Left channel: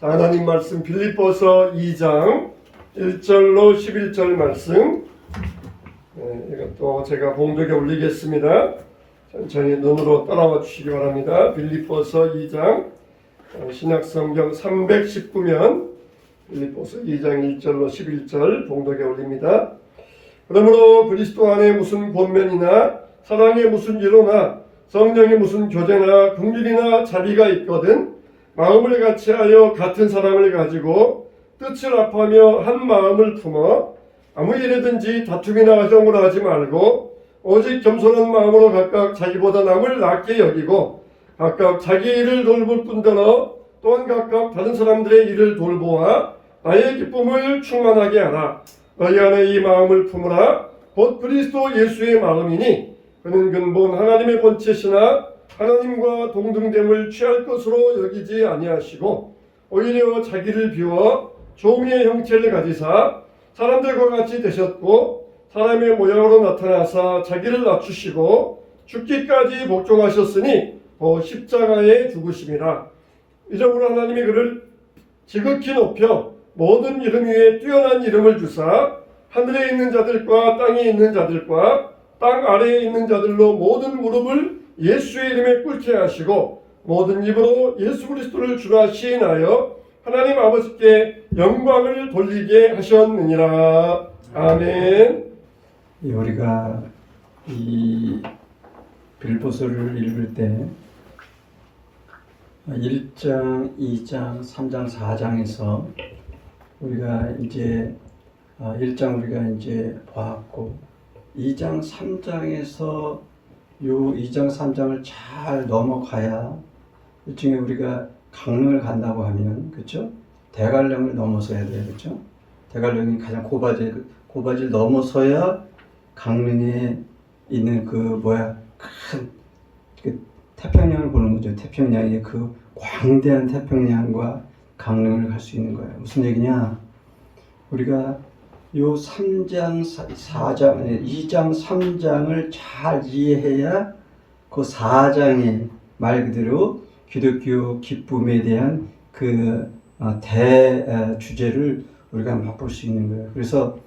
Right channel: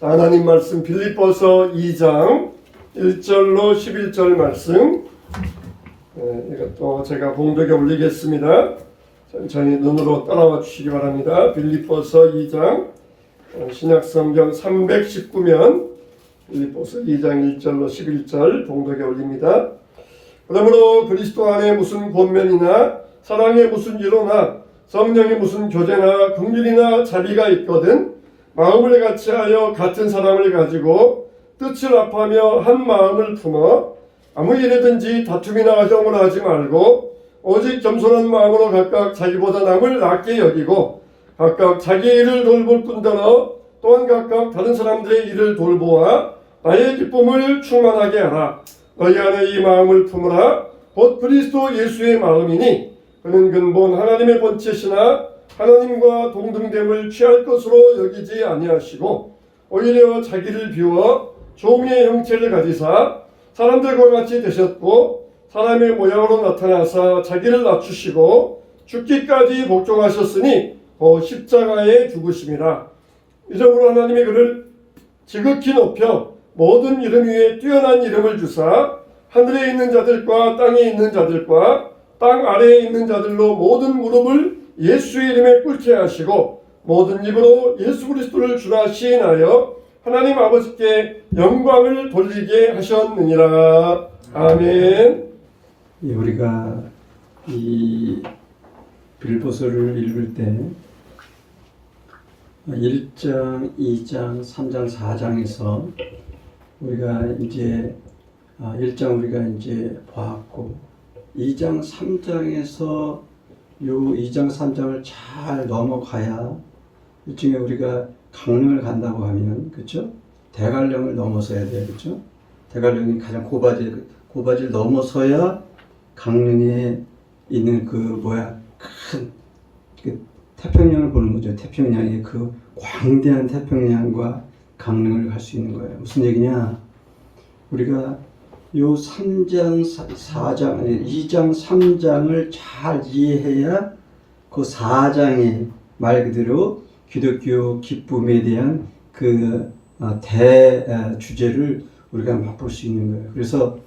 하나님 말씀 빌립보서 2장 1절로 11절 말씀, 이것도 제가 봉독에 올리겠습니다. 천천히 눈으로 따라와 주시기 바랍니다. 빌립보서 2장 신약성경 319면 빌립보서 2장 1절로 11절 봉독에 올립니다. 그러므로 그리스도 안에 무슨 권면이나 사랑에 무슨 위로나 성령에 무슨 교제나 긍휼이나 자비가 있거든 마음을 같이하여 같은 사랑을 가지고 뜻을 합하며 한 마음을 품어 아무 일이든지 다툼이나 허정을 하지 말고 오직 겸손한 마음으로 각각 자기보다 남을 낫게 여기고 각각 자기 일을 돌볼 뿐더러 또한 각각 다른 사람들의 일을 돌보아 나의 기쁨을 충만하게 하라. 너희 안에 이 마음을 품으라. 곧 그리스도 예수의 마음이니 그는 근본 하나님의 본체시나 하나님과 동등됨을 취할 것으로 여기지 아니하시고 오히려 자기를 비워 종의 형체를 가지사 사람들과 같이 되셨고 사람의 모양으로 나타나사 자기를 낮추시고 죽기까지 복종하셨으니 십자가에 죽으심이라. 이적으로 하나님이 그를 지극히 높여 모든 이름 위에 뛰어난 이름을 주사 하늘에 있는 자들과 땅에 있는 자들과 땅 아래에 있는 자들로 모든 무릎을 예수의 이름에 꿇게 하시고 모든 입으로 예수 그리스도를 주라 시인하여 하나님 아버지께 영광을 돌리게 하셨느니라. 아멘. 우리가 이 빌립보서를 읽을 때 1장, 2장, 3장, 4장에서 우리가 이제 1장 우리가 이제 보았고 2장, 3장에서 요 2장, 3장을 잘 넘어가야 일종의 우리가 강릉을 간다고 하면 그렇죠? 대관령을 넘어서야 돼요, 그렇죠? 대관령이 가장 고바지를 넘어서야 강릉에 있는 큰 태평양을 보는 거죠. 태평양의 그 광대한 태평양과 강릉을 갈 수 있는 거예요. 무슨 얘기냐? 우리가 요 3장, 4장, 2장, 3장을 잘 이해해야 그 4장의 말 그대로 기독교 기쁨에 대한 그 주제를 우리가 맛볼 수 있는 거예요. 그래서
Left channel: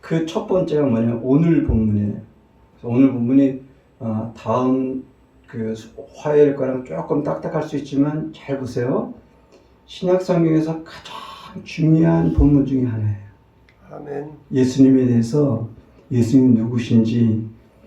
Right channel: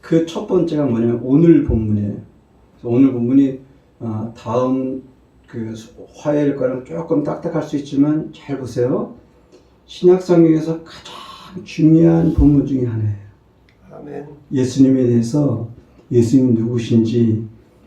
그 첫 번째가 뭐냐면 오늘 본문이에요. 오늘 본문이 다음 그 화요일 거랑 조금 딱딱할 수 있지만 잘 보세요. 신약 성경에서 가장 중요한 본문 중에 하나예요. 아멘. 예수님에 대해서 예수님 누구신지,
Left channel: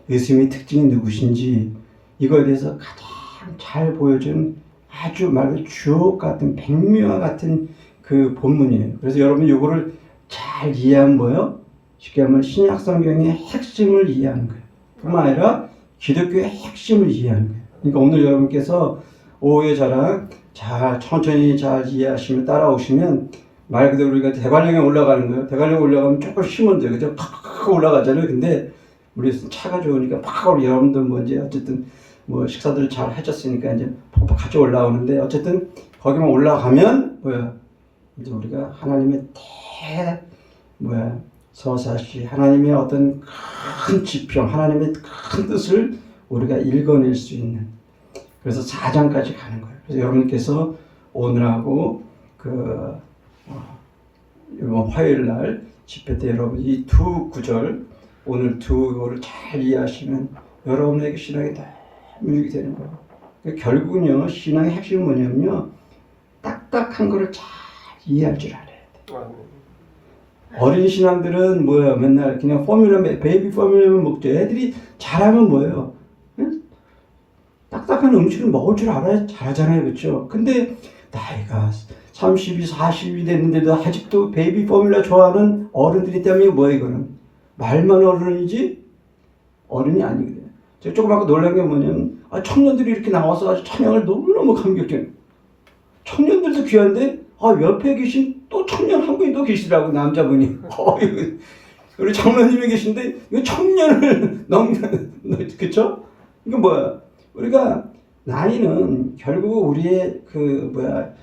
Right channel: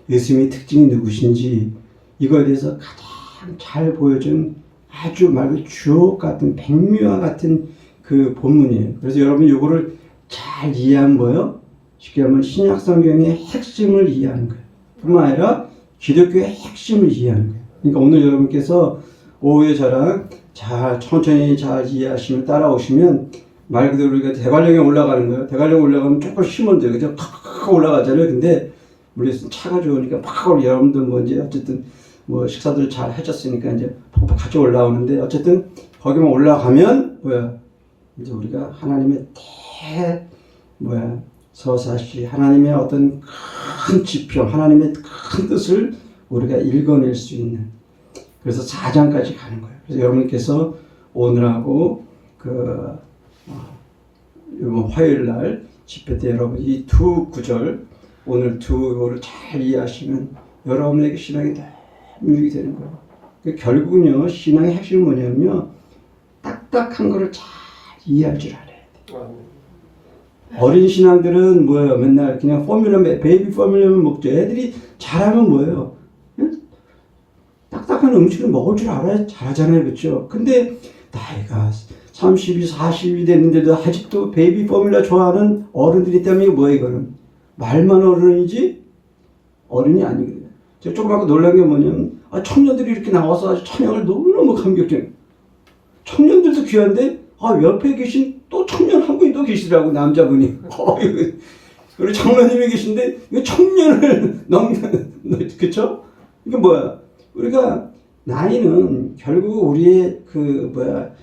예수님의 특징이 누구신지 이거에 대해서 가장 잘 보여준 아주 말 그대로 주옥 같은 백미와 같은 그 본문이에요. 그래서 여러분 이거를 잘 이해하면 뭐예요? 쉽게 하면 신약 성경의 핵심을 이해하는 거예요. 뿐만 아니라 기독교의 핵심을 이해하는 거예요. 그러니까 오늘 여러분께서 오후의 자랑 잘 천천히 잘 이해하시면 따라오시면 말 그대로 우리가 대관령에 올라가는 거예요. 대관령 올라가면 조금 힘은 돼요. 그죠? 팍 올라가잖아요. 근데 우리 차가 좋으니까 팍 여러분들 뭐 이제 어쨌든 뭐 식사들 잘 해줬으니까 이제 팍팍 같이 올라오는데 어쨌든 거기만 올라가면 이제 우리가 하나님의 서사시 하나님의 어떤 큰 지평 하나님의 큰 뜻을 우리가 읽어낼 수 있는 그래서 4장까지 가는 거예요. 그래서 여러분께서 오늘하고 이번 화요일 날 집회 때 여러분 이 두 구절 오늘 두를 잘 이해하시면 여러분에게 신앙이 너무 유익이 되는 거예요. 그러니까 결국은요 신앙의 핵심이 뭐냐면요 딱딱한 거를 잘 이해할 줄 알아야 돼요. 어린 신앙들은 맨날 그냥 베이비 포뮬러만 먹죠. 애들이 잘하면 뭐예요? 응? 딱딱한 음식을 먹을 줄 알아야 잘하잖아요. 그렇죠? 근데 나이가 30이 40이 됐는데도 아직도 베이비 포뮬러 좋아하는 어른들이 있다면 이거 뭐예요? 이거는 말만 어른이지 어른이 아니거든요. 제가 조그맣게 놀란 게 뭐냐면 청년들이 이렇게 나와서 아주 찬양을 너무너무 감격해요. 청년들도 귀한데 옆에 계신 또 청년 한 분이 또 계시더라고. 남자분이 우리 장로님이 계신데 이 청년을 그쵸? 이거 우리가 나이는 결국 우리의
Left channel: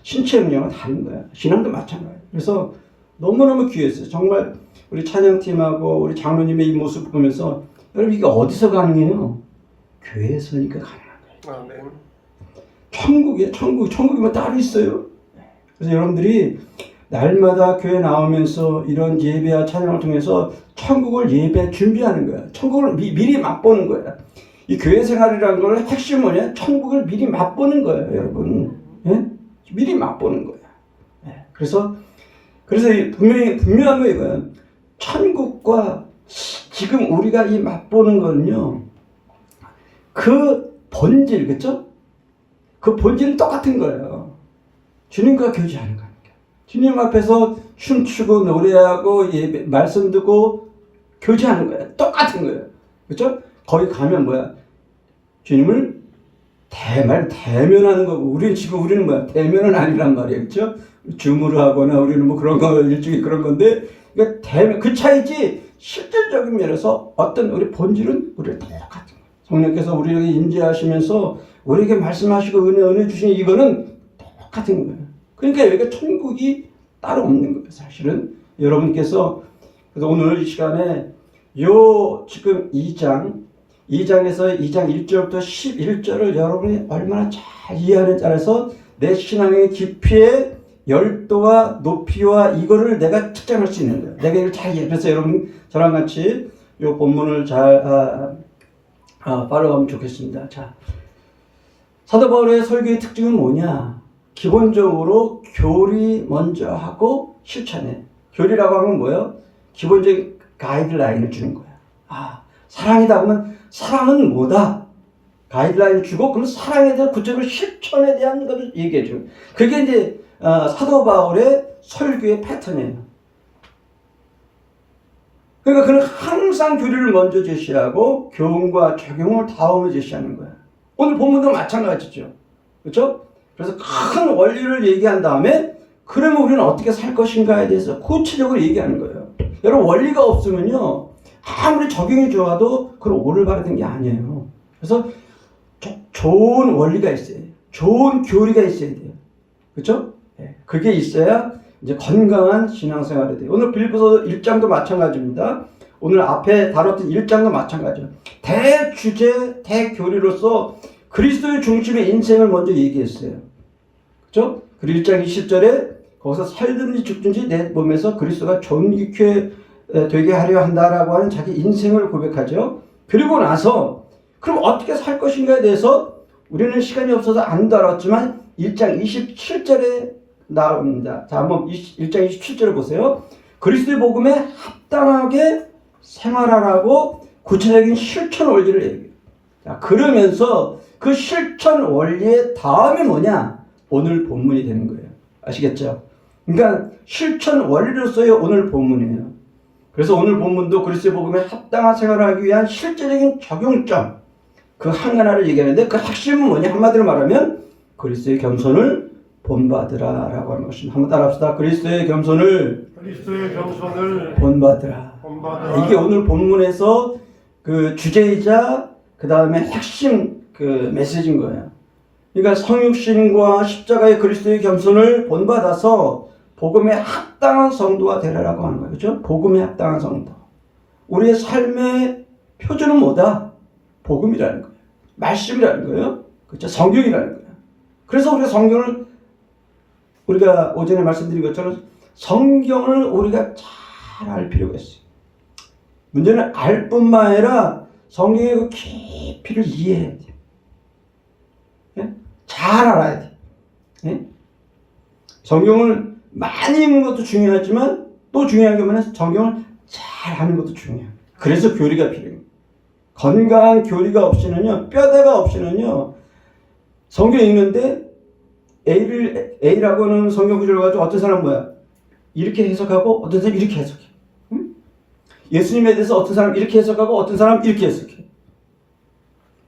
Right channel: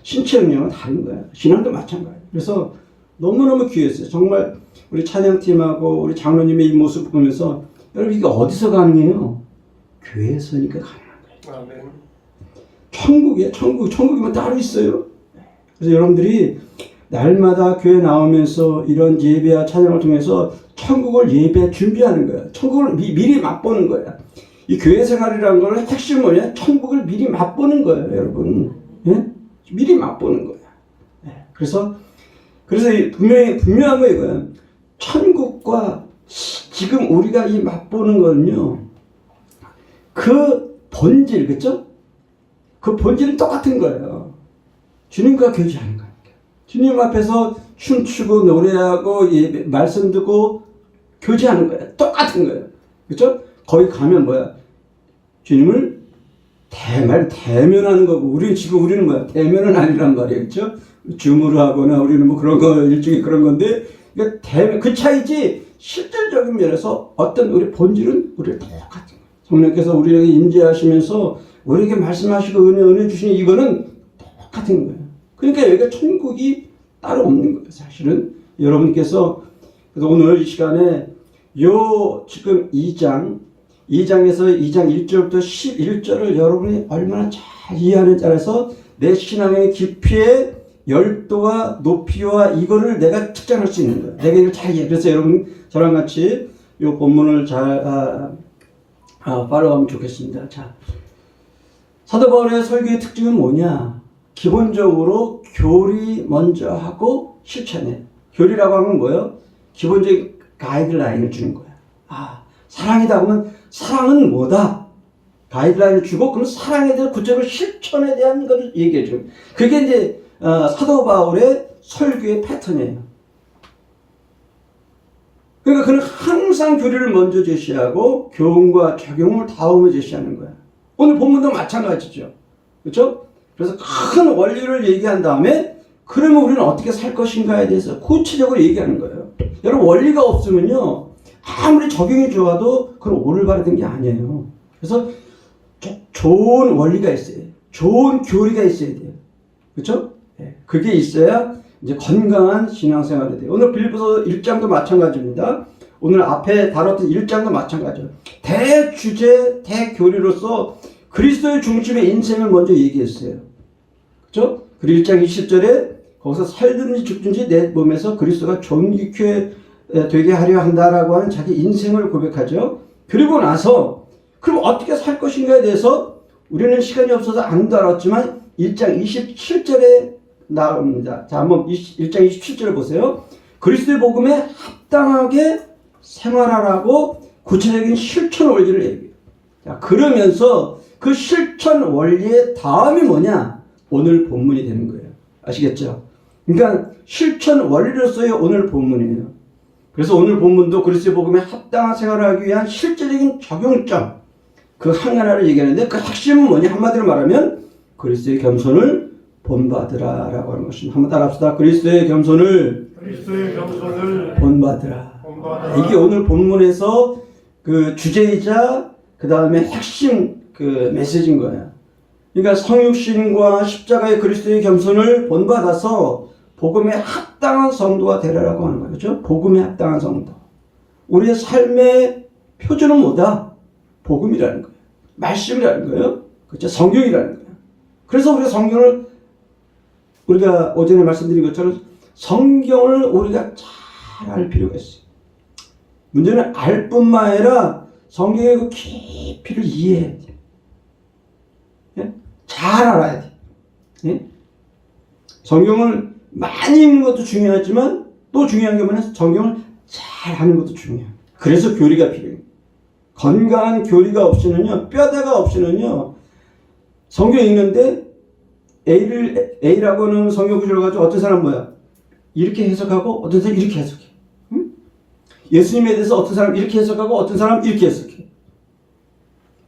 신체 능력은 다른 거야. 신앙도 마찬가지야. 그래서 너무너무 귀했어요. 정말 우리 찬양팀하고 우리 장로님의 이 모습 보면서 여러분 이게 어디서 가능해요? 교회에서니까 가능한 거예요. 아멘. 천국이야. 천국이 뭐 따로 있어요? 그래서 여러분들이 날마다 교회 나오면서 이런 예배와 찬양을 통해서 천국을 예배 준비하는 거야. 천국을 미리 맛보는 거야. 이 교회 생활이라는 걸 핵심은 뭐냐? 천국을 미리 맛보는 거예요, 여러분. 예? 미리 맛보는 거야. 예. 그래서 분명한 거 이거야. 천국과 지금 우리가 이 맛보는 거는요, 그 본질, 그쵸? 그 본질은 똑같은 거예요. 주님과 교제하는 거니까. 주님 앞에서 춤추고 노래하고 예배, 말씀 듣고 교제하는 거예요. 똑같은 거예요. 그쵸? 거기 가면 뭐야? 주님을 대면하는 거고, 우리는 뭐야? 대면은 아니란 말이에요. 그쵸? 줌으로 하거나 우리는 뭐 그런 거, 일종의 그런 건데, 그러니까 그 차이지, 실질적인 면에서 어떤 우리 본질은 우리를 똑같은 거예요. 성령께서 우리에게 임재하시면서 우리에게 말씀하시고 은혜 주시는 이거는 똑같은 거예요. 그러니까 여기가 천국이 따로 없는 거예요. 사실은 여러분께서 그래서 오늘 이 시간에 요 지금 2장에서 2장 1절부터 11절을 여러분이 얼마나 잘 이해하는 따라서 내 신앙의 깊이의 열도와 높이와 이거를 내가 측정할 수 있는 거예요. 내가 이걸 잘 이해. 그래서 여러분 저랑 같이 요 본문을 잘 팔로우하면 좋겠습니다. 자, 사도 바울의 설교의 특징은 뭐냐? 기본적으로 교리 먼저 하고 실천해. 교리라고 하면 뭐예요? 기본적인 가이드라인을 주는 거야. 사랑이다 그러면 사랑은 뭐다? 가이드라인을 주고 그럼 사랑에 대한 구체적인 실천에 대한 것을 얘기해 줘요. 그게 이제 사도 바울의 설교의 패턴이에요. 그러니까 그는 항상 교리를 먼저 제시하고 교훈과 적용을 다음에 제시하는 거야. 오늘 본문도 마찬가지죠. 그렇죠? 그래서 큰 원리를 얘기한 다음에 그러면 우리는 어떻게 살 것인가에 대해서 구체적으로 얘기하는 거예요. 여러분 원리가 없으면요 아무리 적용이 좋아도 그건 올바른 게 아니에요. 그래서 좋은 원리가 있어야 돼요. 좋은 교리가 있어야 돼요. 그렇죠? 그게 있어야 이제 건강한 신앙생활이 돼요. 오늘 빌립보서 1장도 마찬가지입니다. 오늘 앞에 다뤘던 1장도 마찬가지예요. 대주제, 대교리로서 그리스도의 중심의 인생을 먼저 얘기했어요. 그렇죠? 그리고 1장 20절에 거기서 살든지 죽든지 내 몸에서 그리스도가 존귀케 되게 하려 한다라고 하는 자기 인생을 고백하죠. 그리고 나서 그럼 어떻게 살 것인가에 대해서 우리는 시간이 없어서 안 다뤘지만 1장 27절에 나옵니다. 자, 한번 1장 27절을 보세요. 그리스도의 복음에 합당하게 생활하라고 구체적인 실천 원리를 얘기해요. 자, 그러면서 그 실천 원리의 다음이 뭐냐? 오늘 본문이 되는 거예요. 아시겠죠? 그러니까 실천 원리로서의 오늘 본문이에요. 그래서 오늘 본문도 그리스도의 복음에 합당한 생활을 하기 위한 실제적인 적용점, 그 하나를 얘기하는데 그 핵심은 뭐냐? 한마디로 말하면 그리스도의 겸손을 본받으라라고 하는 것입니다. 한번 따라합시다. 그리스도의 겸손을 본받으라. 이게 오늘 본문에서 그 주제이자 그 다음에 핵심 그 메시지인 거예요. 그러니까 성육신과 십자가의 그리스도의 겸손을 본받아서 복음에 합당한 성도가 되라라고 하는 거예요. 그렇죠? 복음에 합당한 성도. 우리의 삶의 표준은 뭐다? 복음이라는 거예요. 말씀이라는 거예요. 그렇죠? 성경이라는 거예요. 그래서 우리가 성경을 우리가 오전에 말씀드린 것처럼 성경을 우리가 잘 알 필요가 있어요. 문제는 알 뿐만 아니라 성경의 그 깊이를 이해해야 돼. 예? 잘 알아야 돼. 예? 성경을 많이 읽는 것도 중요하지만 또 중요한 게 뭐냐? 성경을 잘 하는 것도 중요해요. 그래서 교리가 필요해요. 건강한 교리가 없이는요, 뼈대가 없이는요, 성경 읽는데 A라고 하는 성경 구절을 가지고 어떤 사람은 뭐야? 이렇게 해석하고 어떤 사람은 이렇게 해석해. 응? 예수님에 대해서 어떤 사람은 이렇게 해석하고 어떤 사람은 이렇게 해석해.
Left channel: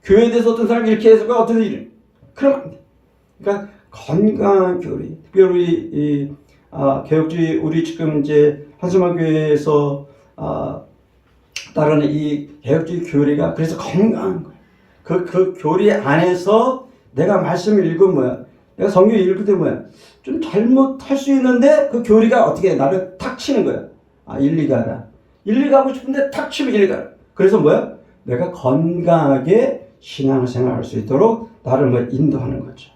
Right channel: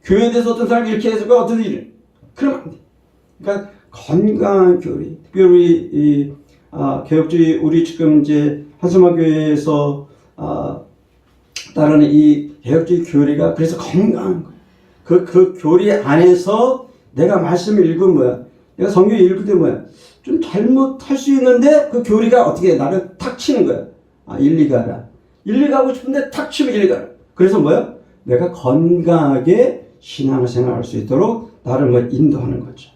교회에 대해서 어떤 사람은 이렇게 해석하고 어떤 사람은 이렇게. 그러면 안 돼. 그러니까 건강한 교리. 특별히 개혁주의 우리 지금 이제 한수마교회에서 따르는 이 개혁주의 교리가 그래서 건강한 거예요. 그 교리 안에서 내가 말씀을 읽으면 뭐야? 내가 성경 읽을 때 뭐야? 좀 잘못할 수 있는데 그 교리가 어떻게 나를 탁 치는 거야. 일리 가라. 일리 가고 싶은데 탁 치면 일리 가라. 그래서 뭐야? 내가 건강하게 신앙생활 할 수 있도록 나를 인도하는 거죠.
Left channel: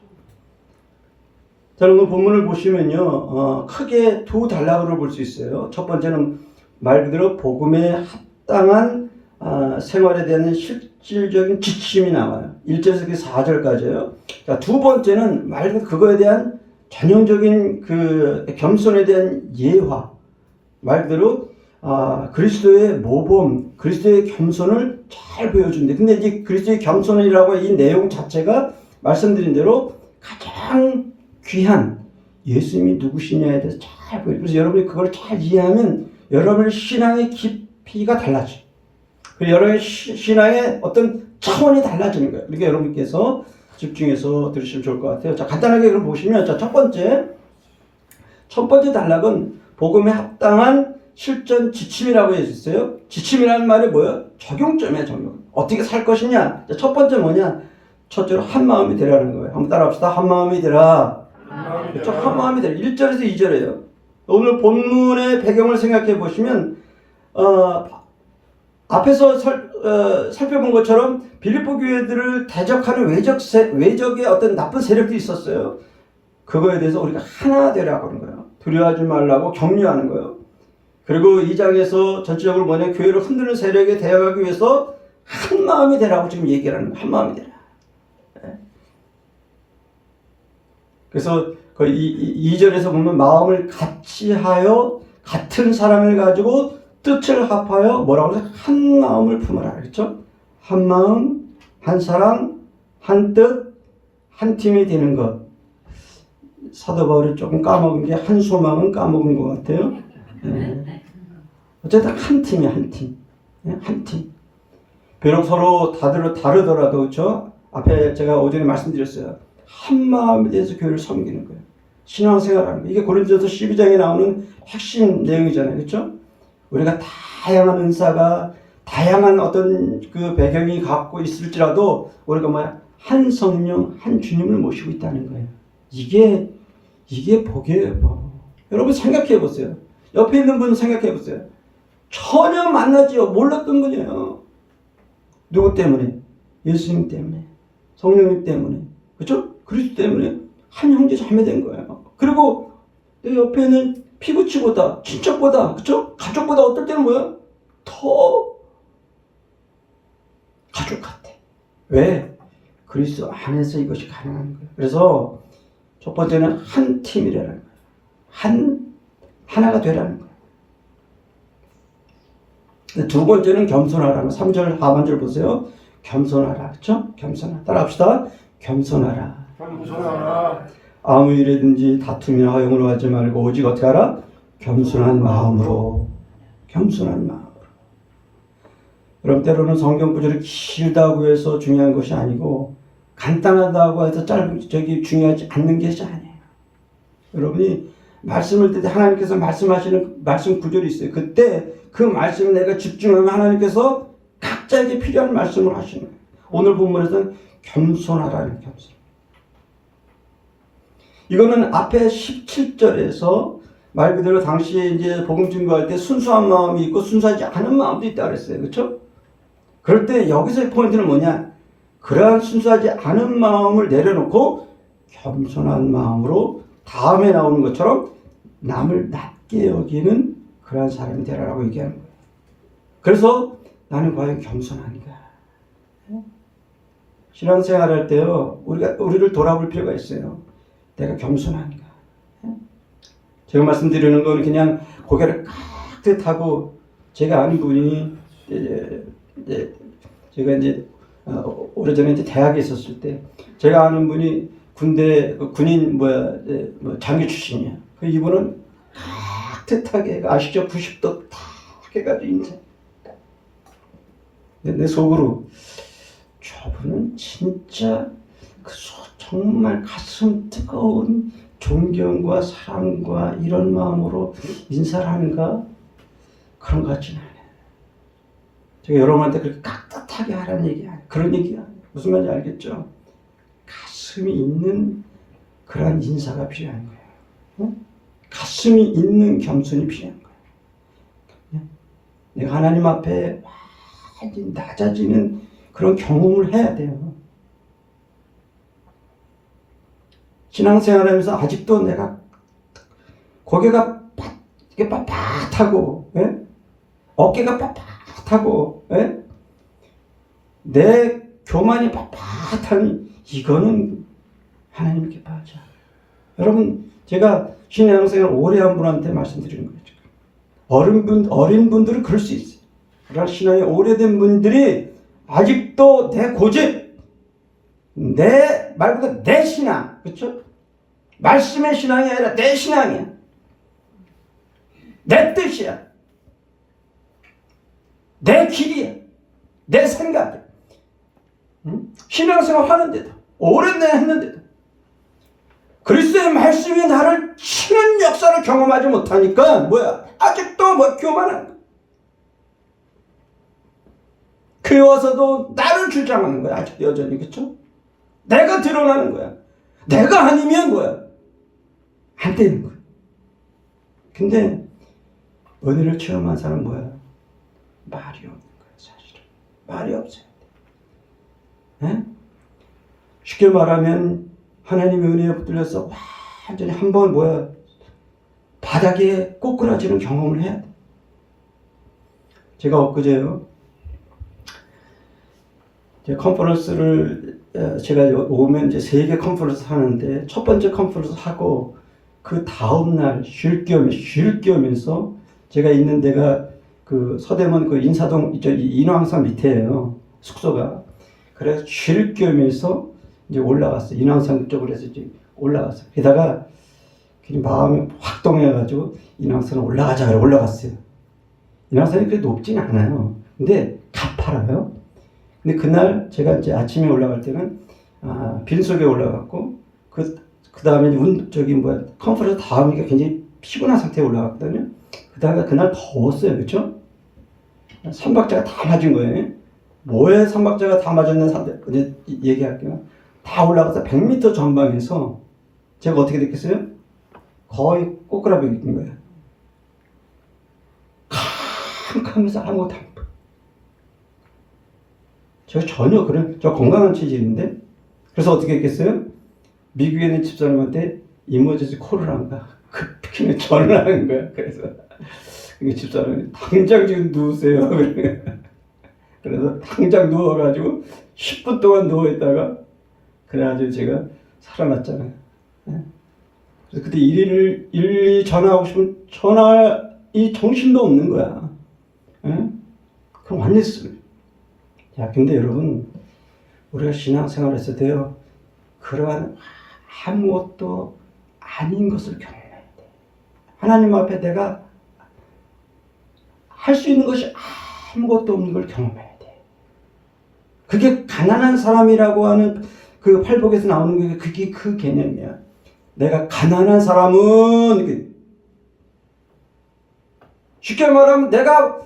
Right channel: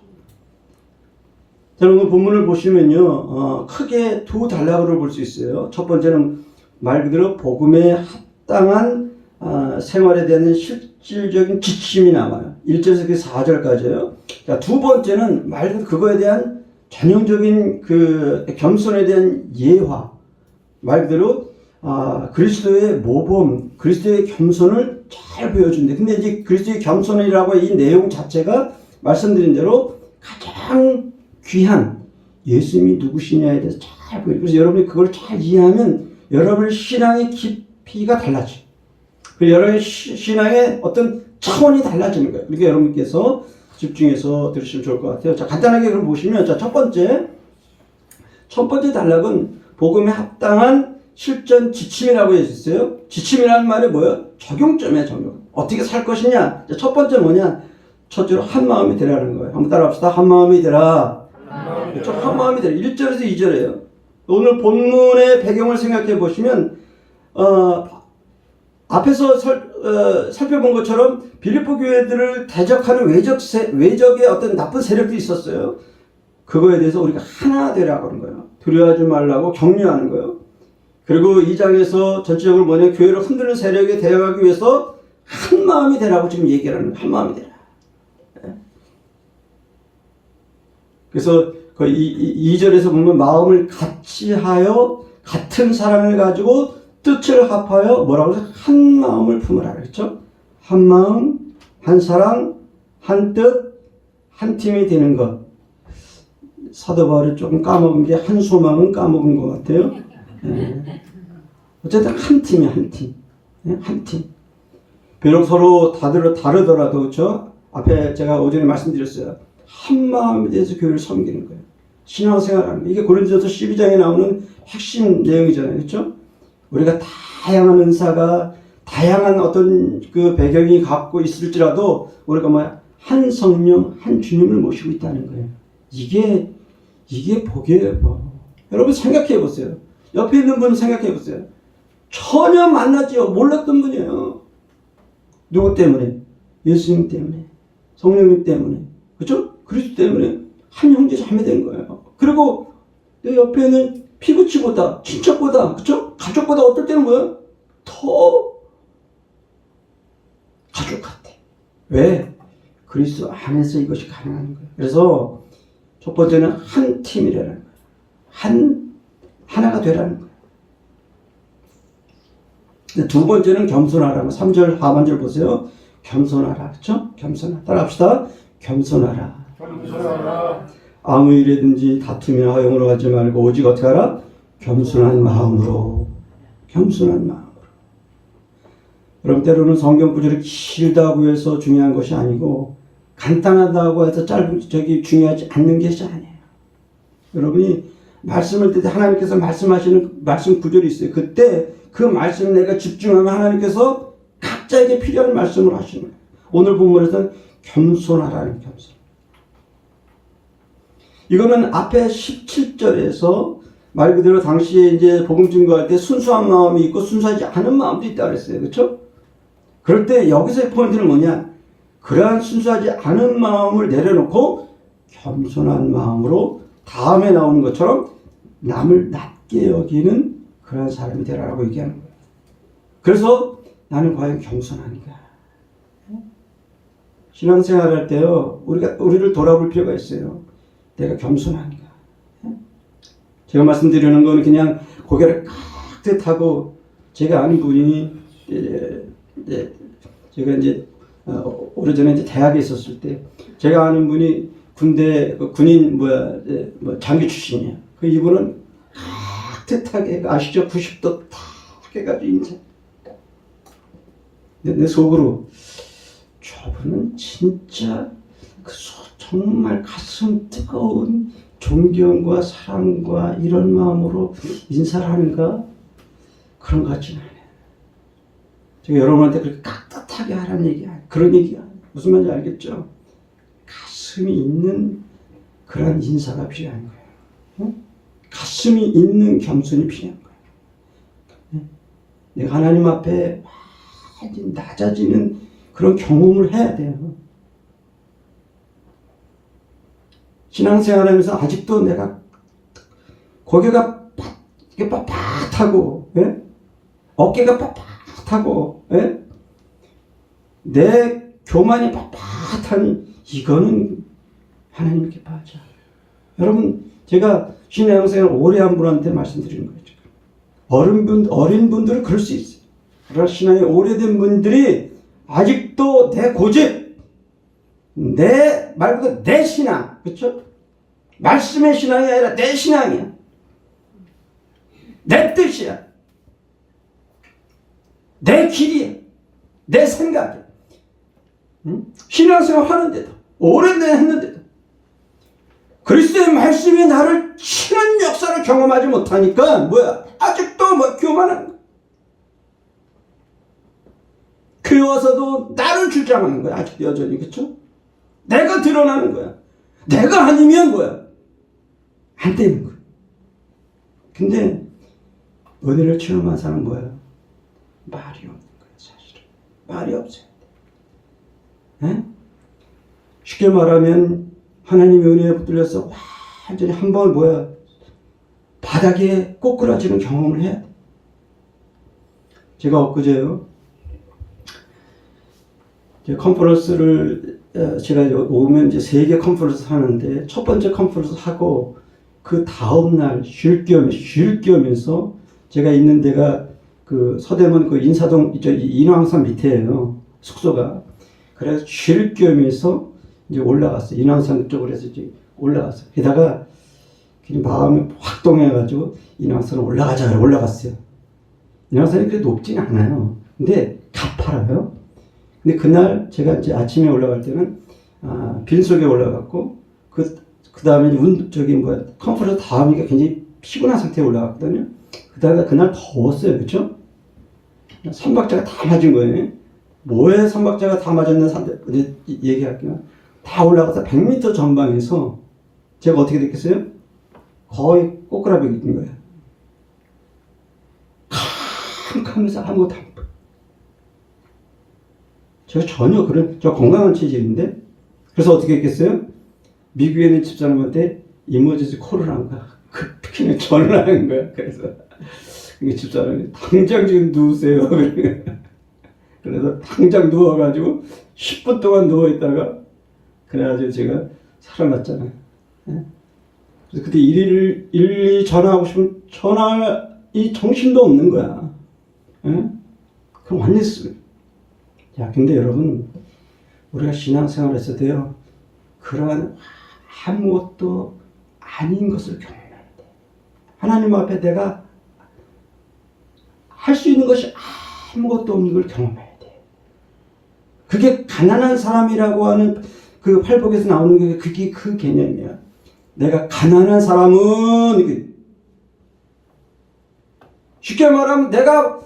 자, 오늘 본문을 보시면요, 크게 두 단락으로 볼 수 있어요. 첫 번째는 말 그대로 복음에 합당한 생활에 대한 실질적인 지침이 나와요. 1절에서 4절까지요. 자, 두 번째는 말 그대로 그거에 대한 전형적인 그 겸손에 대한 예화. 말 그대로 그리스도의 모범, 그리스도의 겸손을 잘 보여준대. 근데 이제 그리스도의 겸손이라고 이 내용 자체가 말씀드린 대로 가장 귀한 예수님이 누구시냐에 대해서 잘 보여요. 그래서 여러분이 그걸 잘 이해하면 여러분의 신앙의 깊이가 달라져요. 그리고 여러분의 신앙의 어떤 차원이 달라지는 거예요. 그러니까 여러분께서 집중해서 들으시면 좋을 것 같아요. 자, 간단하게 그럼 보시면, 자, 첫 번째 단락은 복음에 합당한 실전 지침이라고 해주셨어요. 지침이라는 말이 뭐예요? 적용점이에요, 적용. 어떻게 살 것이냐? 자, 첫 번째 뭐냐? 첫째로 한 마음이 되라는 거예요. 한번 따라합시다. 한 마음이 되라. 그렇죠? 한 마음이 되라. 1절에서 2절이에요. 오늘 본문의 배경을 생각해 보시면, 앞에서 살펴본 것처럼 빌립보 교회들을 대적하는 외적의 어떤 나쁜 세력들이 있었어요. 그거에 대해서 우리가 하나 되라고 하는 거예요. 두려워하지 말라고 격려하는 거예요. 그리고 이 장에서 전체적으로 뭐냐, 교회를 흔드는 세력에 대응하기 위해서 한 마음이 되라고 지금 얘기를 하는 거예요. 한 마음이 되라. 네. 그래서 그 2절에서 보면 마음을 같이 하여 같은 사랑을 가지고 뜻을 합하여 뭐라고 해서 한 마음을 품으라 그랬죠. 한 마음, 한 사랑, 한 뜻, 한 팀이 되는 것. 사도 바울이 조금 까먹은 게 한 소망은 까먹은 것 같아요. 어쨌든 한 팀이야, 한 팀. 한 팀. 비록 서로 다르더라도, 그렇죠? 앞에 제가 오전에 말씀드렸어요. 한 마음에 대해서 교회를 섬기는 거예요. 신앙생활하는 거예요. 이게 고린도서 12장에 나오는 핵심 내용이잖아요. 그렇죠? 우리가 다양한 은사가, 다양한 어떤 그 배경이 갖고 있을지라도 우리가 뭐야? 한 성령, 한 주님을 모시고 있다는 거예요. 이게 복이에요, 복. 여러분 생각해 보세요. 옆에 있는 분 생각해 보세요. 전혀 만나지요. 몰랐던 분이에요. 누구 때문에? 예수님 때문에. 성령님 때문에. 그렇죠? 그리스도 때문에 한 형제 자매 된 거예요. 그리고 내 옆에는 피부치보다, 친척보다, 그렇죠? 가족보다 어떨 때는 뭐야? 더 가족 같아. 왜? 그리스도 안에서 이것이 가능한 거예요. 그래서 첫 번째는 한 팀이라는 거예요. 하나가 되라는 거예요. 두 번째는 겸손하라는 3절 하반절 보세요. 겸손하라. 그렇죠? 겸손하라. 따라합시다. 겸손하라. 아무 일에든지 다투며 하용으로 하지 말고 오직 어떻게 하라? 겸손한 마음으로. 겸손한 마음으로. 그럼 때로는 성경 구절이 길다고 해서 중요한 것이 아니고 간단하다고 해서 중요하지 않는 것이 아니에요. 여러분이 말씀을 듣때 하나님께서 말씀하시는 말씀 구절이 있어요. 그때 그 말씀을 내가 집중하면 하나님께서 각자에게 필요한 말씀을 하시는 거예요. 오늘 본문에서는 겸손하라는 겸손. 이거는 앞에 17절에서 말 그대로 당시에 이제 복음 증거할 때 순수한 마음이 있고 순수하지 않은 마음도 있다고 그랬어요. 그렇죠? 그럴 때 여기서의 포인트는 뭐냐? 그러한 순수하지 않은 마음을 내려놓고 겸손한 마음으로 다음에 나오는 것처럼 남을 낮게 여기는 그러한 사람이 되라라고 얘기하는 거예요. 그래서 나는 과연 겸손한가? 신앙생활 할 때요, 우리를 돌아볼 필요가 있어요. 내가 겸손한가? 제가 말씀드리는 건 그냥 고개를 깍듯하고, 제가 아는 분이 제가 이제 오래전에 이제 대학에 있었을 때 제가 아는 분이 군인 장교 출신이에요. 그 이분은 깍듯하게 아시죠? 90도 탁 해가지고 인사. 내 속으로 저분은 진짜 정말 가슴 뜨거운 존경과 사랑과 이런 마음으로 인사를 하는가? 그런 것 같지는 않아요. 제가 여러분한테 그렇게 깍듯하게 하라는 얘기 아니에요. 그런 얘기가 아니에요. 무슨 말인지 알겠죠? 가슴이 있는 그런 인사가 필요한 거예요. 가슴이 있는 겸손이 필요한 거예요. 내가 하나님 앞에 많이 낮아지는 그런 경험을 해야 돼요. 신앙생활하면서 아직도 내가 고개가 이게 빳빳하고, 예? 어깨가 빳빳하고, 예? 내 교만이 빳빳한 이거는 하나님 기뻐하죠. 여러분, 제가 신앙생활 오래 한 분한테 말씀드리는 거죠. 어린 분들은 그럴 수 있어요. 그러나 신앙이 오래된 분들이 아직도 내 고집, 말 그대로 내 신앙, 그렇죠? 말씀의 신앙이 아니라 내 신앙이야. 내 뜻이야. 내 길이야. 내 생각이야. 신앙생활 하는데도, 오랜 날 했는데도, 그리스도의 말씀이 나를 치는 역사를 경험하지 못하니까, 아직도 교만한 거야. 교회 와서도 나를 주장하는 거야. 아직 여전히, 그쵸? 내가 드러나는 거야. 내가 아니면 안 되는 거야. 근데, 은혜를 체험한 사람은 말이 없는 거야, 사실은. 말이 없어요. 에? 쉽게 말하면 하나님의 은혜에 붙들려서 완전히 한 번 바닥에 꼬꾸라지는 경험을 해야 돼. 제가 엊그제요, 컨퍼런스를 제가 오면 이제 3개 컨퍼런스 하는데 첫 번째 컨퍼런스 하고 그 다음날 쉴 겸해서 제가 있는 데가 그 서대문 그 인사동 인왕산 밑에예요, 숙소가. 그래서 쉴 겸해서 이제 올라갔어요. 인왕산 쪽으로 해서 이제 올라갔어요. 게다가 마음이 확 동해가지고 인왕산을 올라가자 올라갔어요. 인왕산이 그렇게 높지는 않아요. 근데 가파라요. 근데 그날 제가 이제 아침에 올라갈 때는 빈속에 올라갔고 그 다음에 컨퍼런스 다음이니까 굉장히 피곤한 상태에 올라갔거든요. 그다음에 그날 더웠어요, 그렇죠? 선박자가 다 맞은 거예요. 뭐에 선박자가 다 맞았는 상태 이제 얘기할게요. 다 올라가서 100m 전방에서 제가 어떻게 됐겠어요? 거의 꼬꾸라박인 거예요. 캄캄해서 아무것도 안 보여. 제가 전혀 저 건강한 체질인데, 그래서 어떻게 했겠어요? 미국에 있는 집사람한테 이머전시 콜을 한 거야. 급히는 전화를 한 거야. 그래서 집사람이 당장 지금 누우세요. 그래서 당장 누워가지고 10분 동안 누워있다가 그래가지고 제가 살아났잖아요. 그래서 그때 일일이 전화하고 싶으면 전화이 정신도 없는 거야. 그럼 완전히 쓰. 야, 근데 여러분, 우리가 신앙생활을 했을 때요, 그러한 아무것도 아닌 것을 경험해야 돼. 하나님 앞에 내가 할 수 있는 것이 아무것도 없는 걸 경험해야 돼. 그게 가난한 사람이라고 하는 그 팔복에서 나오는 게 그게 그 개념이야. 내가 가난한 사람은 쉽게 말하면 내가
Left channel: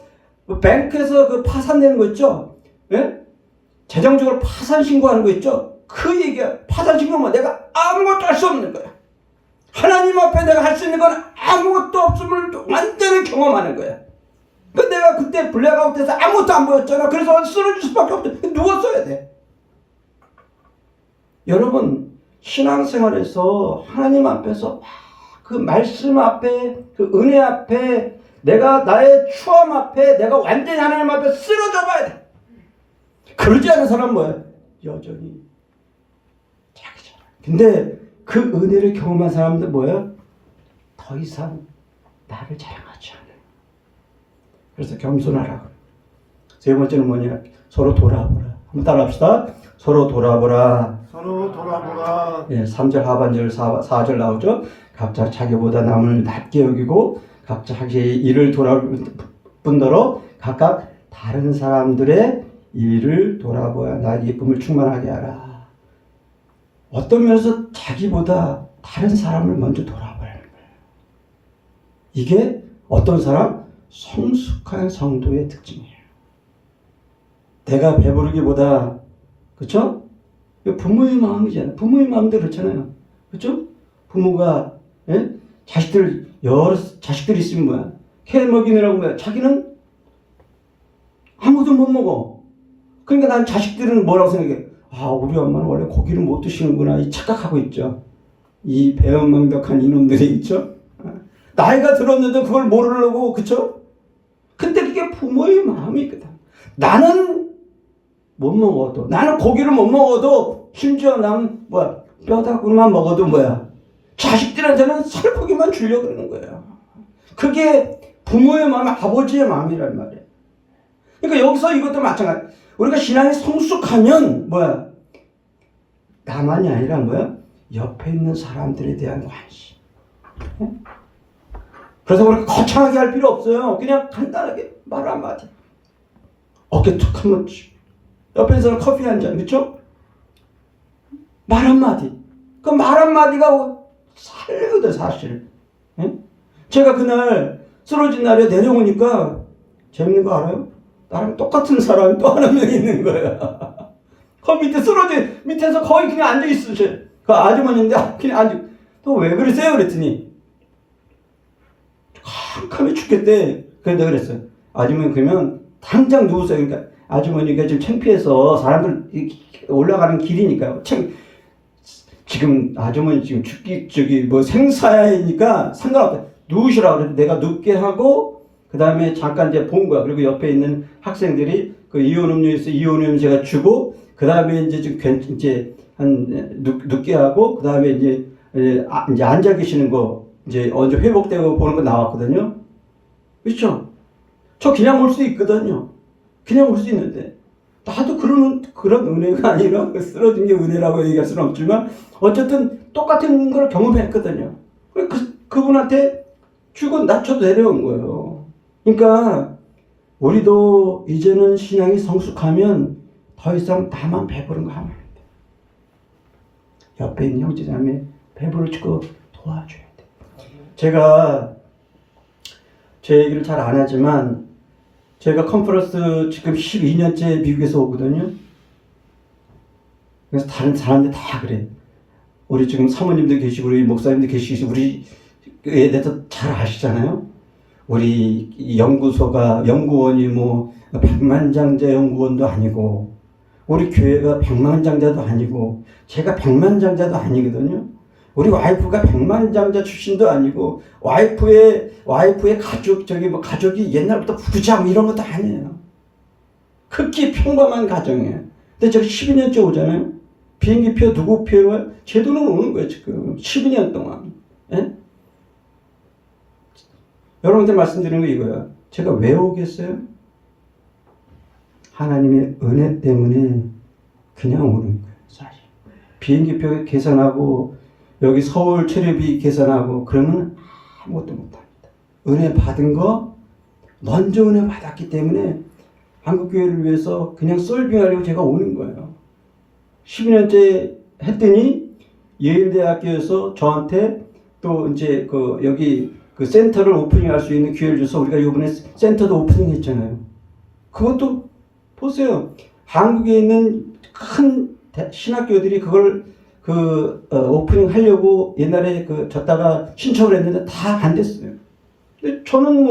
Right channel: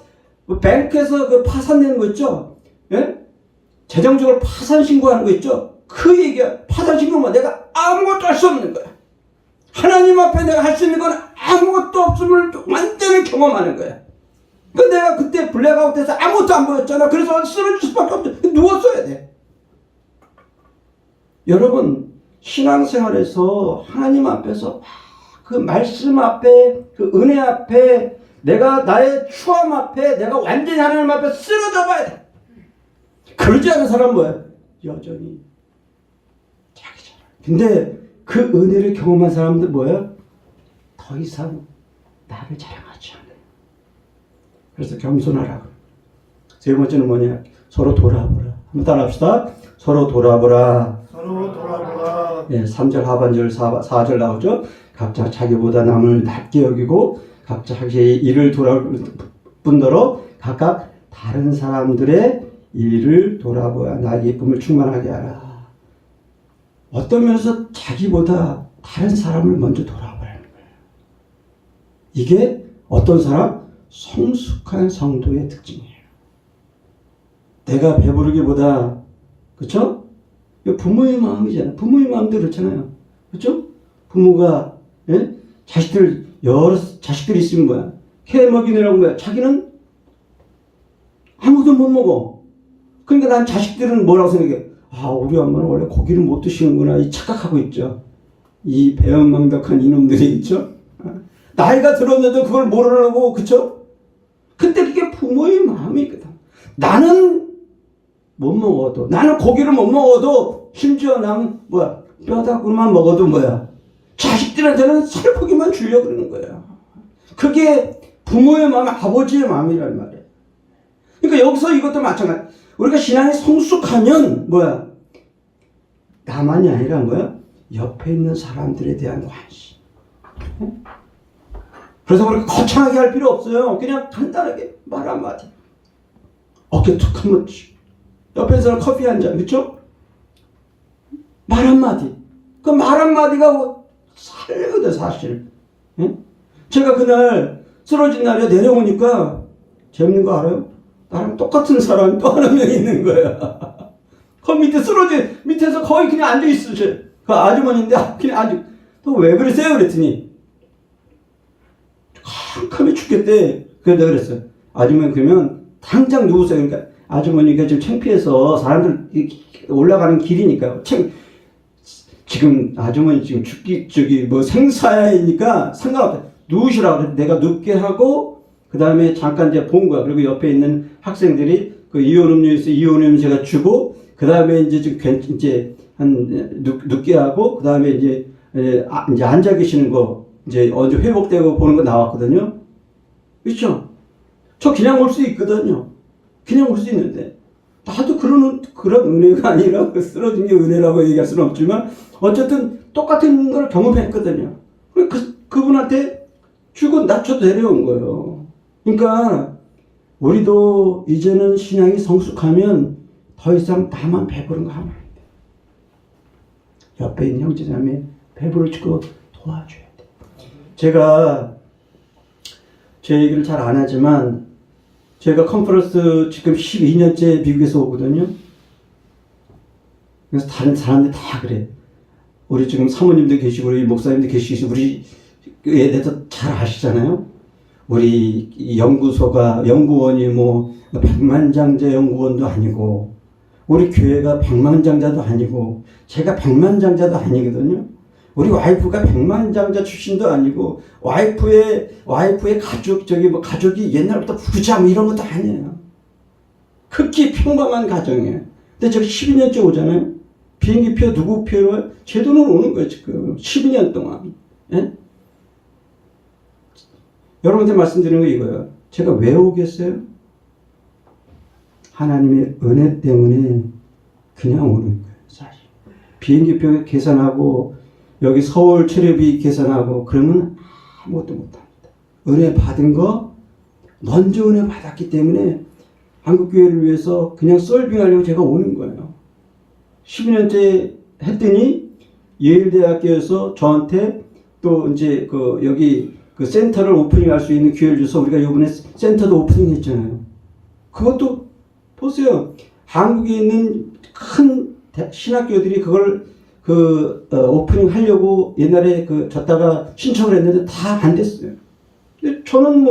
뱅크에서 그 파산내는 거 있죠? 예? 재정적으로 파산 신고하는 거 있죠? 그 얘기야. 파산 신고만 내가 아무것도 할 수 없는 거야. 하나님 앞에 내가 할 수 있는 건 아무것도 없음을 완전히 경험하는 거야. 근데 내가 그때 블랙아웃돼서 아무것도 안 보였잖아. 그래서 쓰러질 수밖에 없어. 누웠어야 돼. 여러분, 신앙생활에서 하나님 앞에서 그 말씀 앞에, 그 은혜 앞에, 내가 나의 추함 앞에, 내가 완전히 하나님 앞에 쓰러져 봐야 돼. 그러지 않은 사람은 여전히 자기잖아. 근데 그 은혜를 경험한 사람들 더 이상 나를 자랑하지 않아. 그래서 겸손하라. 세 번째는 서로 돌아보라. 한번 따라합시다. 서로 돌아보라. 서로 돌아보라. 예, 3절 하반절 4절 나오죠. 각자 자기보다 남을 낮게 여기고 각자 자기의 일을 돌아볼 뿐더러 각각 다른 사람들의 일을 돌아보아 나의 기쁨을 충만하게 하라. 어떤 면에서 자기보다 다른 사람을 먼저 돌아보라는 거예요. 이게 어떤 사람? 성숙한 성도의 특징이에요. 내가 배부르기보다, 그렇죠? 부모의 마음이잖아요. 부모의 마음도 그렇잖아요. 그렇죠? 부모가 여러 자식들이 있으면 해 먹이느라고 자기는 아무도 못 먹어. 그러니까 난 자식들은 뭐라고 생각해? 우리 엄마는 원래 고기를 못 드시는구나 이 착각하고 있죠. 이 배은망덕한 이놈들이 있죠. 나이가 들었는데 그걸 모르려고, 그쵸? 근데 그게 부모의 마음이거든. 나는 못 먹어도, 나는 고기를 못 먹어도, 심지어 나는 뼈다구만 먹어도 자식들한테는 살코기만 주려고 그러는 거예요. 그게 부모의 마음, 아버지의 마음이란 말이에요. 그러니까 여기서 이것도 마찬가지. 우리가 신앙이 성숙하면 나만이 아니라 옆에 있는 사람들에 대한 관심. 그래서 그렇게 거창하게 할 필요 없어요. 그냥 간단하게 말 한마디. 어깨 툭 한번 옆에서는 커피 한 잔, 그렇죠? 말 한마디. 그 말 한마디가 살거든, 사실. 제가 그날 쓰러진 날에 내려오니까 재밌는 거 알아요? 나랑 똑같은 사람이 또 한 명 있는 거야. 그 밑에서 거의 그냥 앉아있으셔. 그 아주머니인데 그냥 또 왜 그러세요? 그랬더니 캄캄해 죽겠대. 그래서 내가 그랬어요. 아주머니 그러면 당장 누우세요. 그러니까 아주머니가 좀 창피해서 사람들 올라가는 길이니까 지금 아주머니 지금 생사야이니까 상관없다. 누우시라고 그래. 내가 눕게 하고 그 다음에 잠깐 이제 본 거야. 그리고 옆에 있는 학생들이 그 이온 음료에서 이온 음료 제가 주고 그 다음에 이제 눕게 하고 그 다음에 이제 앉아 계시는 거 이제 언제 회복되고 보는 거 나왔거든요. 그렇죠? 저 그냥 올 수 있거든요. 그냥 올 수 있는데 나도 그런 은혜가 아니라 쓰러진 게 은혜라고 얘기할 수는 없지만 어쨌든 똑같은 걸 경험했거든요. 그분한테 주고 낮춰도 내려온 거예요. 그러니까 우리도 이제는 신앙이 성숙하면 더 이상 나만 배부른 거 하면 안 돼. 옆에 있는 형제자매 배부르고 도와줘야 돼. 제가 제 얘기를 잘 안 하지만 제가 컨퍼런스 지금 12년째 미국에서 오거든요. 그래서 다른 사람들 다 그래. 우리 지금 사모님들 계시고 우리 목사님들 계시고 우리에 대해서 잘 아시잖아요. 우리 연구원이 백만장자 연구원도 아니고 우리 교회가 백만장자도 아니고 제가 백만장자도 아니거든요. 우리 와이프가 백만장자 출신도 아니고 와이프의 가족이 옛날부터 부자 이런 것도 아니에요. 극히 평범한 가정이에요. 근데 제가 12년째 오잖아요. 비행기표 누구 표로 제 돈으로 오는 거예요 지금 12년 동안. 예? 여러분들 말씀드리는 거 이거예요. 제가 왜 오겠어요? 하나님의 은혜 때문에 그냥 오는 거예요 사실. 비행기표 계산하고 여기 서울 체류비 계산하고 그러면 아무것도 못합니다. 은혜 받은 거 먼저 은혜 받았기 때문에 한국교회를 위해서 그냥 서빙하려고 제가 오는 거예요. 12년째 했더니 예일대학교에서 저한테 또 이제 여기 센터를 오프닝할 수 있는 기회를 줘서 우리가 이번에 센터도 오프닝 했잖아요. 그것도 보세요. 한국에 있는 큰 신학교들이 그걸 오프닝 하려고 옛날에 졌다가 신청을 했는데 다 안 됐어요. 근데 저는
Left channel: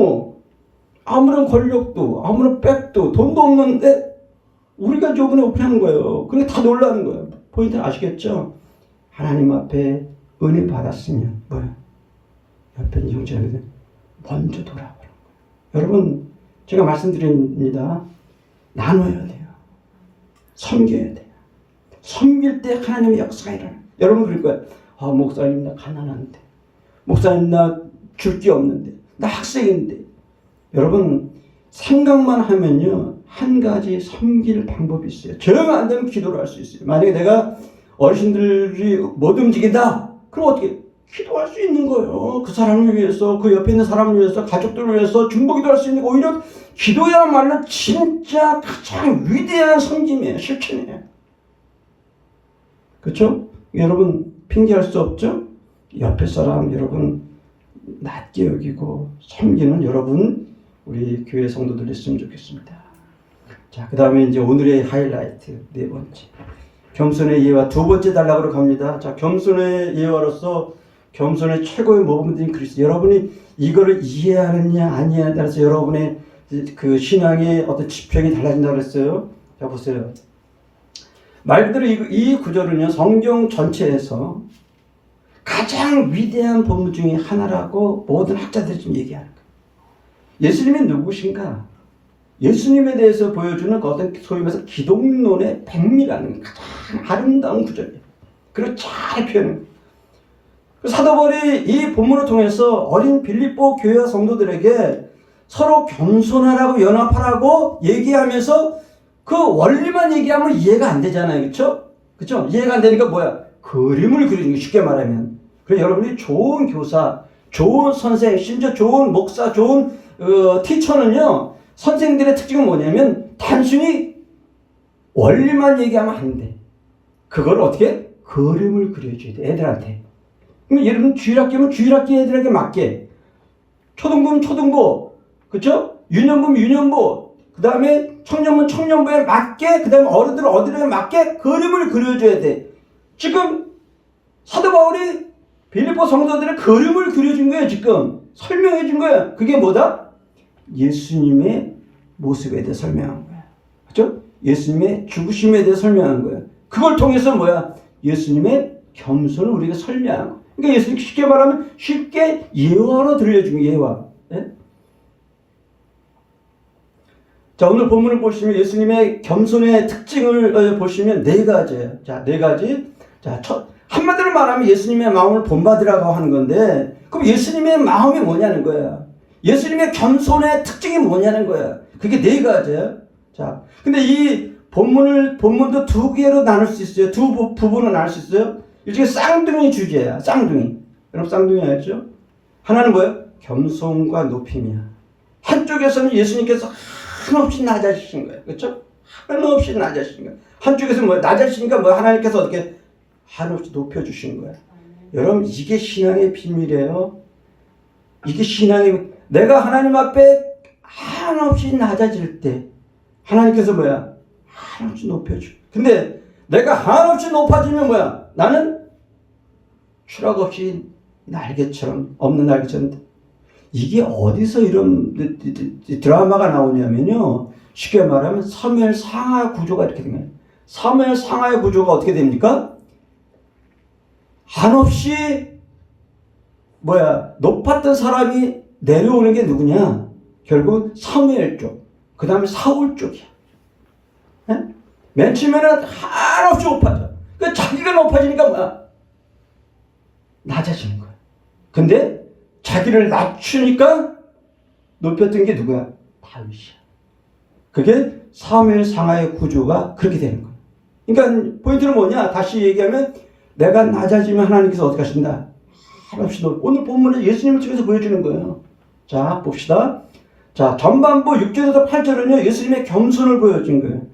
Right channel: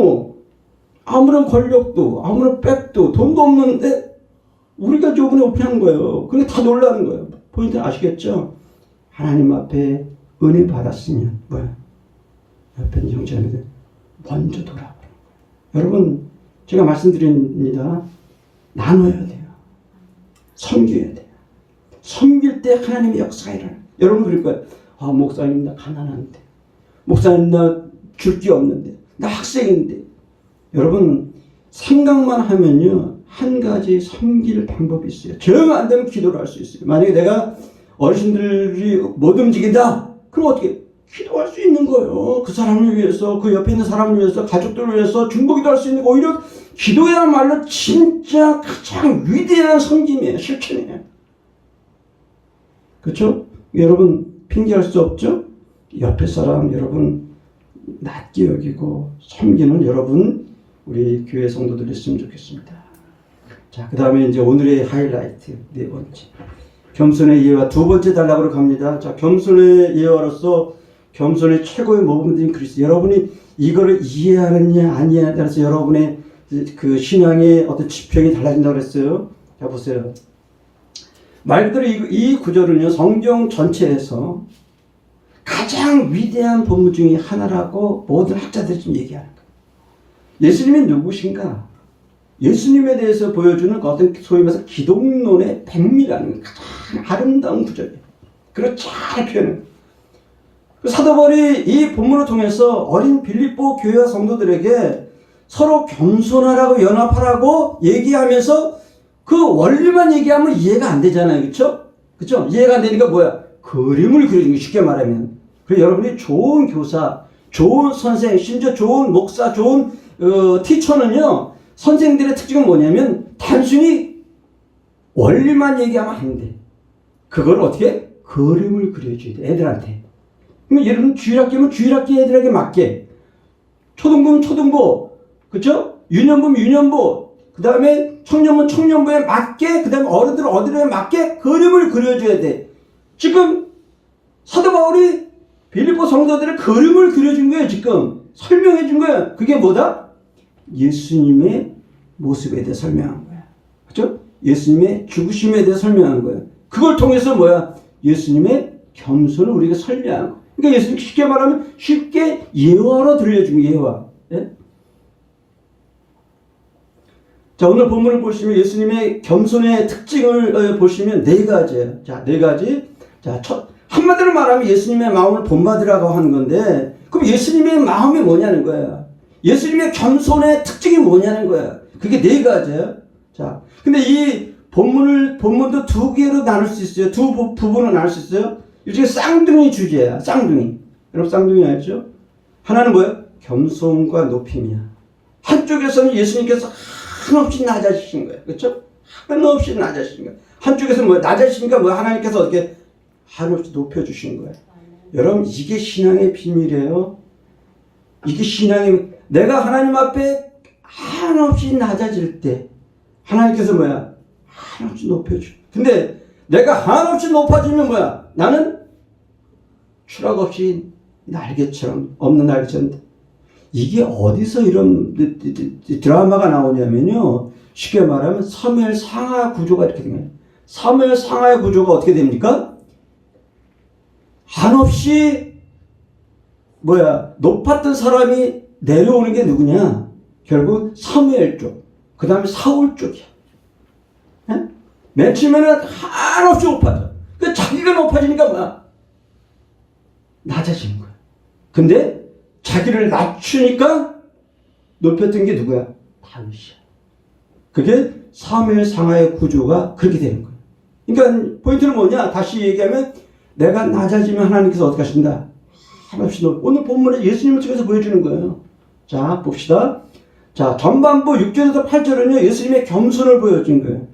아무런 권력도 아무런 백도 돈도 없는데 우리가 저번에 오픈한 거예요. 그러니까 다 놀라는 거예요. 포인트 아시겠죠? 하나님 앞에 은혜 받았으면 옆에 있는 형제들 먼저 돌아보는 거예요. 여러분 제가 말씀드립니다. 나눠야 돼요. 섬겨야 돼요. 섬길 때 하나님의 역사가 일어나요. 여러분 그럴 거예요. 목사님 나 가난한데, 목사님 나 줄 게 없는데, 나 학생인데. 여러분 생각만 하면요 한 가지 섬길 방법이 있어요. 정 안 되면 기도를 할 수 있어요. 만약에 내가 어르신들이 못 움직인다, 그럼 어떻게 기도할 수 있는 거예요. 그 사람을 위해서, 그 옆에 있는 사람을 위해서, 가족들을 위해서 중보기도 할 수 있는 거. 오히려 기도야말로 진짜 가장 위대한 섬김이에요. 실천이에요. 그렇죠? 여러분 핑계할 수 없죠? 옆에 사람 여러분 낮게 여기고 섬기는 여러분 우리 교회 성도들이 있으면 좋겠습니다. 자, 그 다음에 이제 오늘의 하이라이트 네 번째 겸손의 예화 두 번째 단락으로 갑니다. 자, 겸손의 예화로서 겸손의 최고의 모범인 그리스도. 여러분이 이거를 이해하느냐 아니냐에 따라서 여러분의 그 신앙의 어떤 지평이 달라진다고 그랬어요. 자, 보세요. 말 그대로 이 구절은요 성경 전체에서 가장 위대한 본문 중에 하나라고 모든 학자들이 지금 얘기하는 거예요. 예수님이 누구신가? 예수님에 대해서 보여주는 어떤 소위 말해서 기독론의 백미라는 가장 아름다운 구절이에요. 그걸 잘 표현해요. 사도 바울이 이 본문을 통해서 어린 빌립보 교회와 성도들에게 서로 겸손하라고 연합하라고 얘기하면서 그 원리만 얘기하면 이해가 안 되잖아요. 그렇죠? 그렇죠? 이해가 안 되니까 뭐야? 그림을 그리는 거 쉽게 말하면. 그래서 여러분이 좋은 교사, 좋은 선생, 심지어 좋은 목사, 좋은 티처는요. 선생들의 특징은 뭐냐면 단순히 원리만 얘기하면 안 돼. 그걸 어떻게? 그림을 그려줘야 돼. 애들한테. 그럼 예를 들면 주일학교면 주일학교 애들에게 맞게, 초등부면 초등부, 그렇죠? 유년부면 유년부, 그 다음에 청년부면 청년부에 맞게, 그 다음에 어른들은 어른에 맞게 그림을 그려줘야 돼. 지금 사도 바울이 빌립보 성도들의 그림을 그려준 거예요. 지금 설명해 준 거예요. 그게 뭐다? 예수님의 모습에 대해 설명한 거야. 그렇죠? 예수님의 죽으심에 대해 설명한 거예요. 그걸 통해서 뭐야? 예수님의 겸손을 우리가 설명한 거야. 그러니까 예수님 쉽게 말하면 쉽게 예화로 들려주는 예화. 예? 자, 오늘 본문을 보시면 예수님의 겸손의 특징을 보시면 네 가지예요. 자, 네 가지. 자, 한마디로 말하면 예수님의 마음을 본받으라고 하는 건데, 그럼 예수님의 마음이 뭐냐는 거야. 예수님의 겸손의 특징이 뭐냐는 거야. 그게 네 가지예요. 자, 근데 이 본문도 두 개로 나눌 수 있어요. 두 부분으로 나눌 수 있어요. 일종의 쌍둥이 주제야. 쌍둥이. 여러분 쌍둥이 알죠? 하나는 뭐야? 겸손과 높임이야. 한쪽에서는 예수님께서 한없이 낮아지신 거예요. 그렇죠? 한없이 낮아지신 거예요. 한쪽에서는 뭐야? 낮아지니까 뭐야? 하나님께서 어떻게 한없이 높여주신 거예요. 여러분 이게 신앙의 비밀이에요. 이게 신앙의, 내가 하나님 앞에 한없이 낮아질 때 하나님께서 뭐야? 한없이 높여줘. 근데 내가 한없이 높아지면 뭐야? 나는 추락 없이 날개처럼, 없는 날개처럼. 이게 어디서 이런 드라마가 나오냐면요. 쉽게 말하면 사무엘 상하 구조가 이렇게 된 거예요. 사무엘 상하의 구조가 어떻게 됩니까? 한없이 뭐야? 높았던 사람이 내려오는 게 누구냐? 결국 사무엘 쪽, 그 다음에 사울 쪽이야. 예? 맨 처음에는 한없이 높아져. 그 자기가 높아지니까 뭐야? 낮아지는 거야. 근데 자기를 낮추니까 높였던 게 누구야? 다윗이야. 그게 사무엘 상하의 구조가 그렇게 되는 거야. 그러니까 포인트는 뭐냐? 다시 얘기하면 내가 낮아지면 하나님께서 어떻게 하신다? 한없이 오늘 본문에 예수님을 통해서 보여주는 거예요. 자, 봅시다. 자, 전반부 6절에서 8절은요, 예수님의 겸손을 보여준 거예요.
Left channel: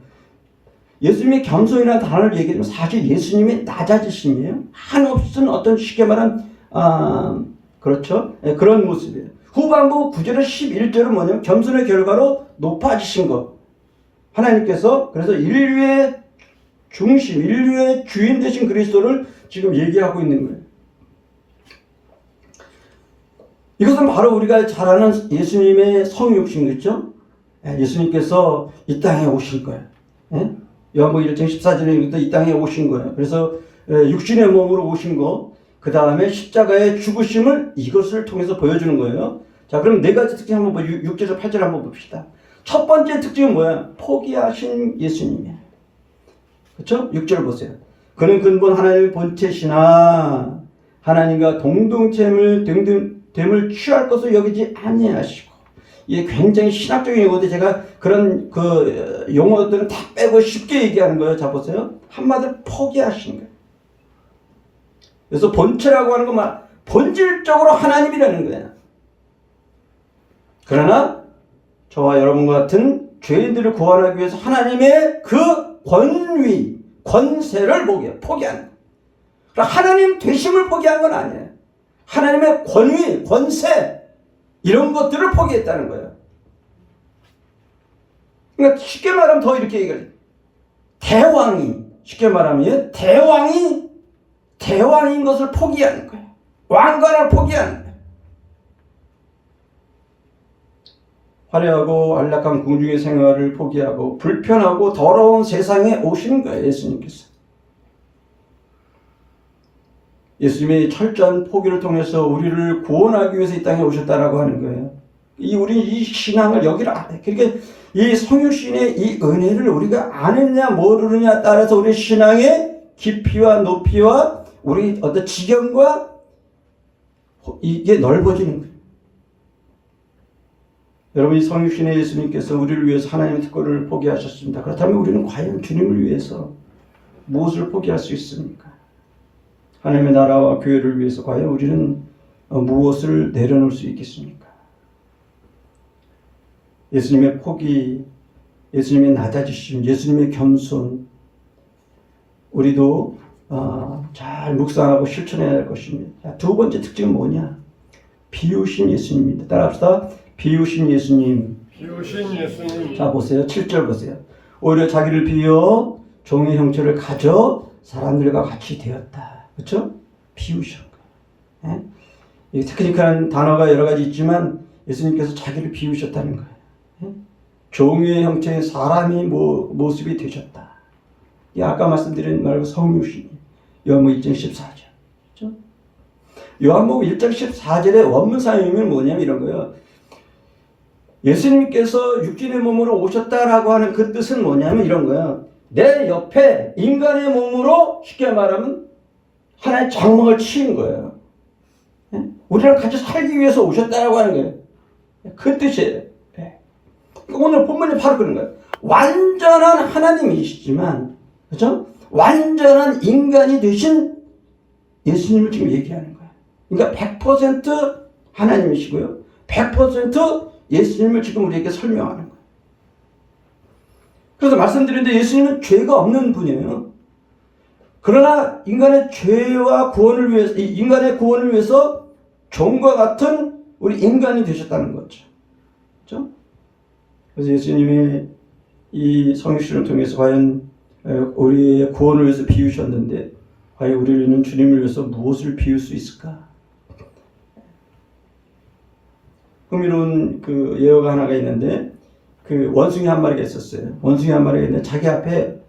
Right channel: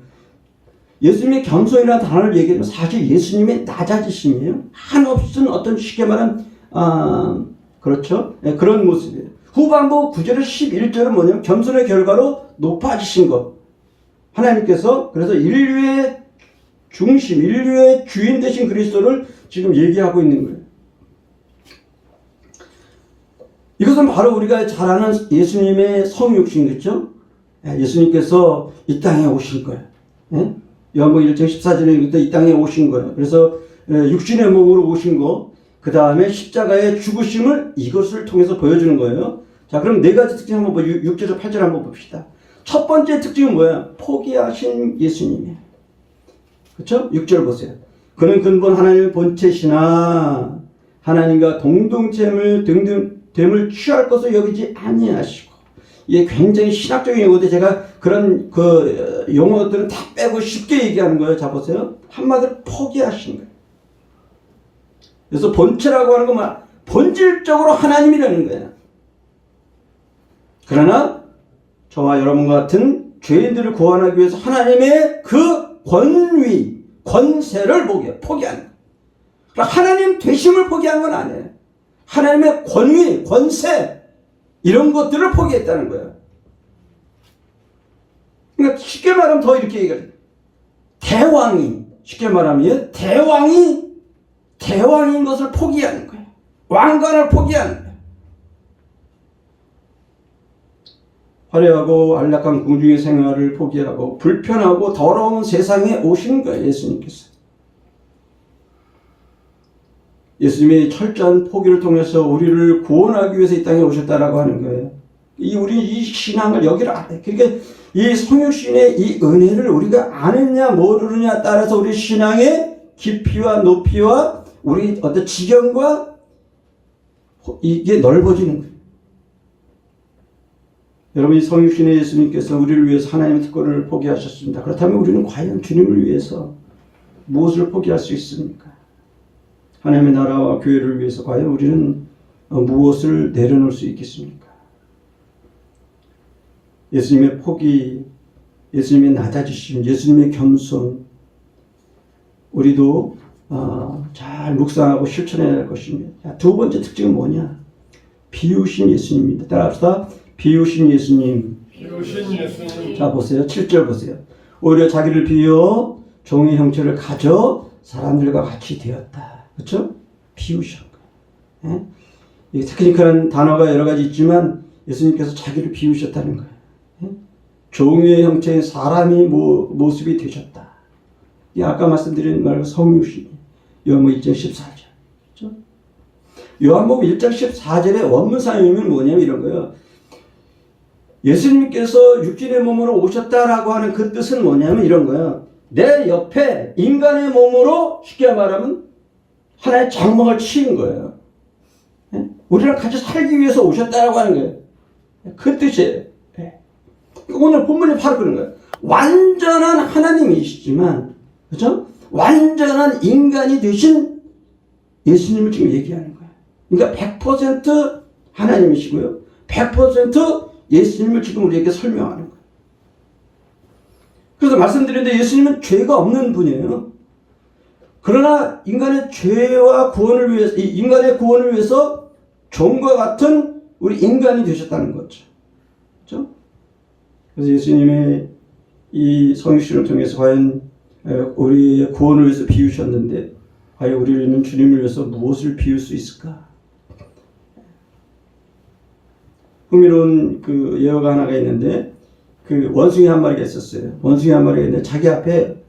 예수님의 겸손이라는 단어를 얘기하면 사실 예수님의 낮아지심이에요. 한없이는 어떤 쉽게 말하면, 그렇죠? 네, 그런 모습이에요. 후반부 9절에서 11절은 뭐냐면 겸손의 결과로 높아지신 것. 하나님께서 그래서 인류의 중심, 인류의 주인 되신 그리스도를 지금 얘기하고 있는 거예요. 이것은 바로 우리가 잘 아는 예수님의 성육신, 그렇죠? 예수님께서 이 땅에 오신 거예요. 예? 요한복음 1장 14절에 이 땅에 오신 거예요. 그래서 육신의 몸으로 오신 거, 그 다음에 십자가의 죽으심을 이것을 통해서 보여주는 거예요. 자, 그럼 네 가지 특징 한번 6절에서 8절 한번 봅시다. 첫 번째 특징은 뭐야? 포기하신 예수님이에요. 그렇죠? 6절 보세요. 그는 근본 하나님의 본체시나 하나님과 동등됨을 취할 것을 여기지 아니하시고. 이게 굉장히 신학적인 용어인데 제가 그런 그 용어들은 다 빼고 쉽게 얘기하는 거예요. 자, 보세요. 한마디로 포기하신 거예요. 그래서 본체라고 하는 건 본질적으로 하나님이라는 거예요. 그러나 저와 여러분과 같은 죄인들을 구원하기 위해서 하나님의 그 권위, 권세를 포기하는 거예요. 그러니까 하나님 되심을 포기한 건 아니에요. 하나님의 권위, 권세 이런 것들을 포기했다는 거예요. 그러니까 쉽게 말하면 더 이렇게 얘기해요. 대왕이, 쉽게 말하면 대왕인 것을 포기하는 거예요. 왕관을 포기하는 거예요. 화려하고 안락한 궁중의 생활을 포기하고 불편하고 더러운 세상에 오시는 거예요. 예수님께서. 예수님의 철저한 포기를 통해서 우리를 구원하기 위해서 이 땅에 오셨다라고 하는 거예요. 우리 이 신앙을 여기를 알아요. 그러니까 이 성육신의 이 은혜를 우리가 아느냐 모르느냐 따라서 우리 신앙의 깊이와 높이와 우리 어떤 지경과 이게 넓어지는 거예요. 여러분, 이 성육신의 예수님께서 우리를 위해서 하나님의 특권을 포기하셨습니다. 그렇다면 우리는 과연 주님을 위해서 무엇을 포기할 수 있습니까? 하나님의 나라와 교회를 위해서 과연 우리는 무엇을 내려놓을 수 있겠습니까? 예수님의 포기, 예수님의 낮아지심, 예수님의 겸손, 우리도 잘 묵상하고 실천해야 할 것입니다. 두 번째 특징은 뭐냐? 비우신 예수님입니다. 따라합시다. 비우신 예수님. 비우신 예수님. 자, 보세요. 7절 보세요. 오히려 자기를 비워 종의 형체를 가져 사람들과 같이 되었다. 그렇죠? 비우신 거예요. 예? 테크니컬한 단어가 여러 가지 있지만 예수님께서 자기를 비우셨다는 거예요. 예? 종의 형체의 사람이 모습이 되셨다. 이 아까 말씀드린 말 성육신. 요한복음 1장 14절. 그렇죠? 요한복음 1장 14절의 원문 사용이 뭐냐면 이런 거예요. 예수님께서 육신의 몸으로 오셨다라고 하는 그 뜻은 뭐냐면 이런 거예요. 내 옆에 인간의 몸으로 쉽게 말하면 하나의 장막을 치는 거예요. 우리랑 같이 살기 위해서 오셨다라고 하는 거예요. 그 뜻이에요. 오늘 본문이 바로 그런 거예요. 완전한 하나님이시지만, 그렇죠? 완전한 인간이 되신 예수님을 지금 얘기하는 거예요. 그러니까 100% 하나님이시고요. 100% 예수님을 지금 우리에게 설명하는 거예요. 그래서 말씀드렸는데 예수님은 죄가 없는 분이에요. 그러나 인간의 죄와 구원을 위해서, 인간의 구원을 위해서 종과 같은 우리 인간이 되셨다는 거죠. 그렇죠? 그래서 예수님의 이 성육신을 통해서 과연 우리의 구원을 위해서 비우셨는데 과연 우리는 주님을 위해서 무엇을 비울 수 있을까? 흥미로운 그 예화가 하나가 있는데 그 원숭이 한 마리가 있었어요. 원숭이 한 마리가 있는데 자기 앞에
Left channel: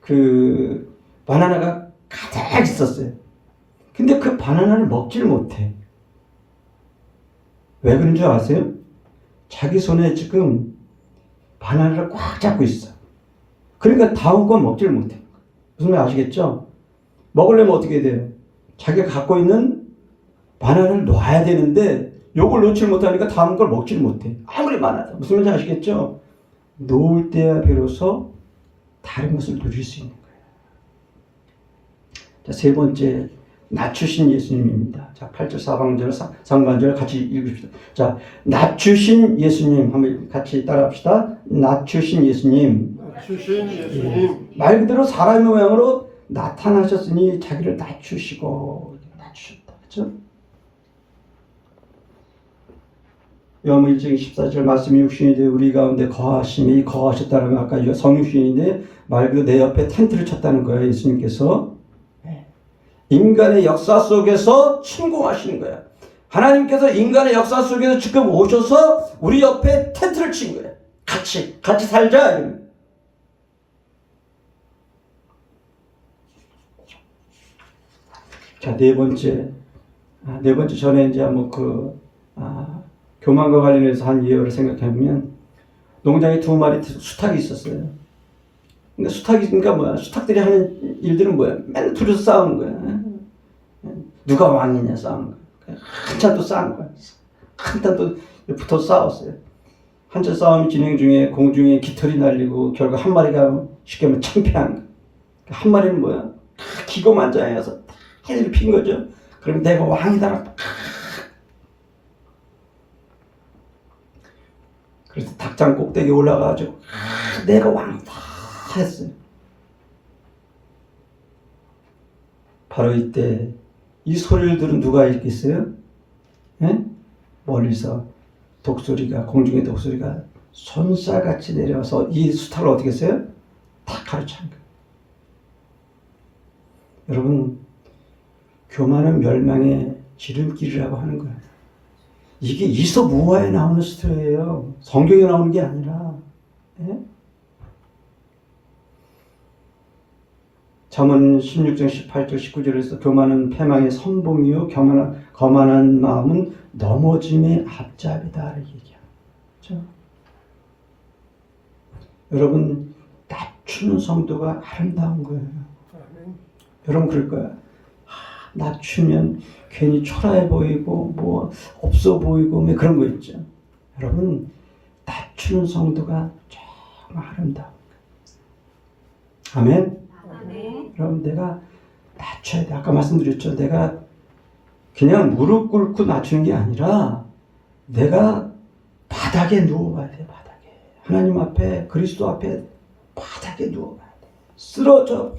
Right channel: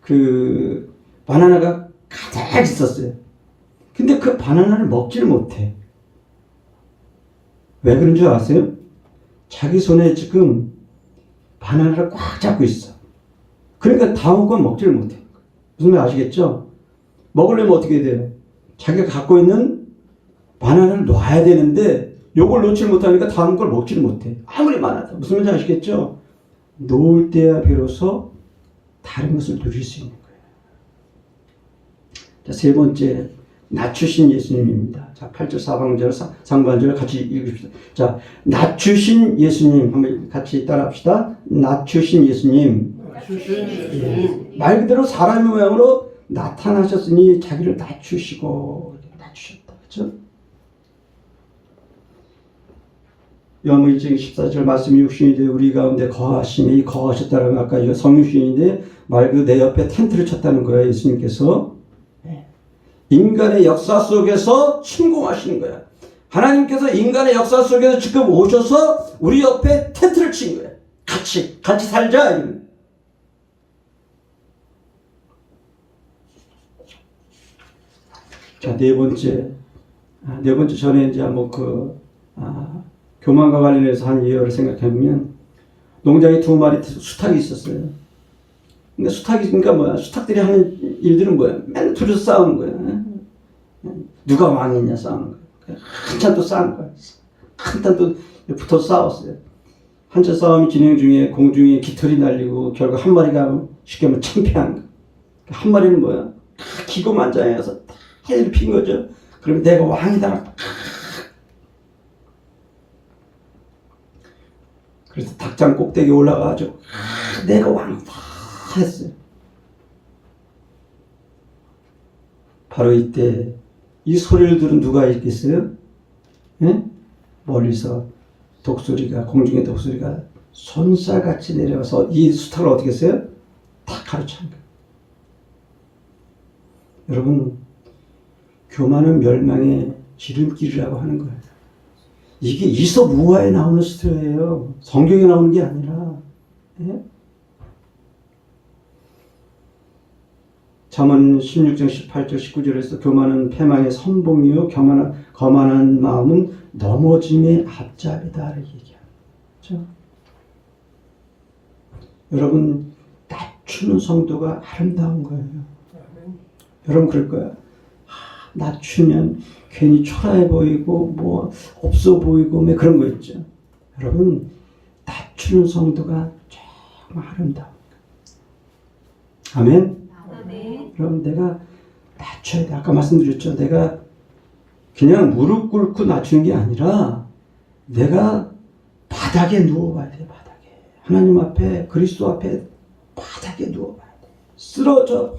그 바나나가 가득 있었어요. 근데 그 바나나를 먹지를 못해. 왜 그런 줄 아세요? 자기 손에 지금 바나나를 꽉 잡고 있어. 그러니까 다음 건 먹지를 못해. 무슨 말 아시겠죠? 먹으려면 어떻게 돼요? 자기가 갖고 있는 바나나를 놔야 되는데 요걸 놓지 못하니까 다음 걸 먹지를 못해. 아무리 많아도. 무슨 말인지 아시겠죠? 놓을 때야 비로소 다른 것을 누릴 수 있는 거예요. 자, 세 번째, 낮추신 예수님입니다. 자, 8절 사방절 상반절 같이 읽읍시다. 자, 낮추신 예수님 한번 같이 따라합시다. 낮추신 예수님. 낮추신 예수님. 말 그대로 사람의 모양으로 나타나셨으니 자기를 낮추시고 낮추셨다. 그렇죠? 요한복음 1장 14절 말씀이 육신이 되어 우리 가운데 거하심이 거하셨다라고 아까 성육신인데 말 그대로 내 옆에 텐트를 쳤다는 거예요. 예수님께서 인간의 역사 속에서 침공하시는 거예요. 하나님께서 인간의 역사 속에서 지금 오셔서 우리 옆에 텐트를 친 거예요. 같이 살자. 자, 네 번째 전에 이제 교만과 관련해서 한 예화를 생각해보면 농장에 두 마리 수탉이 있었어요. 근데 수탉이니까 뭐야? 수탉들이 하는 일들은 뭐야? 맨날 둘이서 싸우는 거야. 누가 왕이냐 싸우는 거야. 한참 또 싸운 거야. 한참 또 붙어 싸웠어요. 한참 싸움이 진행 중에 공중에 깃털이 날리고 결국 한 마리가 쉽게 말하면 창피한 거야. 한 마리는 뭐야? 기고만장해서 다 일으킨 거죠. 그럼 내가 왕이다. 그래서 닭장 꼭대기에 올라가가지고 내가 왕이다 했어요. 바로 이때 이 소리를 들은 누가 있겠어요? 네? 멀리서 공중의 독소리가 손살같이 내려와서 이 수탉을 어떻게 했어요? 다 가로챈 거예요. 여러분, 교만은 멸망의 지름길이라고 하는 거예요. 이게 이솝우화에 나오는 스토리예요. 성경에 나오는 게 아니라. 예? 잠언 16장 18절 19절에서 교만은 패망의 선봉이요 거만한 마음은 넘어짐의 앞잡이다 얘기야. 그렇죠? 여러분 낮추는 성도가 아름다운 거예요. 여러분 그럴 거야. 낮추면 괜히 초라해 보이고 뭐 없어 보이고 뭐 그런 거 있죠. 여러분 낮추는 성도가 정말 아름다운 거예요. 아멘. 그럼 내가 낮춰야 돼. 아까 말씀드렸죠. 내가 그냥 무릎 꿇고 낮추는 게 아니라 내가 바닥에 누워봐야 돼. 바닥에. 하나님 앞에 그리스도 앞에 바닥에 누워봐야 돼. 쓰러져.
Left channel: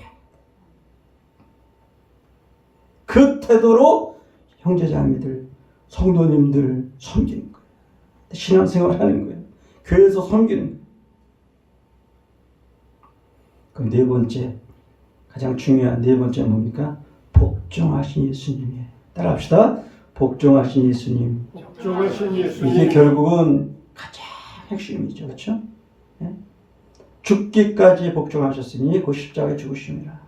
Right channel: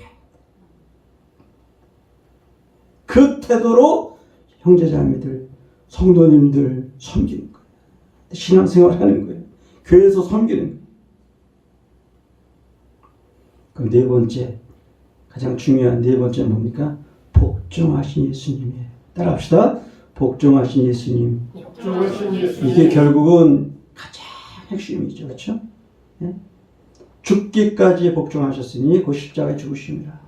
그 태도로 형제자매들, 성도님들 섬기는 거예요. 신앙생활 하는 거예요. 교회에서 섬기는 거예요. 그럼 네 번째, 가장 중요한 네 번째 뭡니까? 복종하신 예수님이에요. 따라합시다. 복종하신 예수님. 이게 결국은 가장 핵심이죠. 그렇죠? 예? 죽기까지 복종하셨으니 그 십자가에 죽으심이라.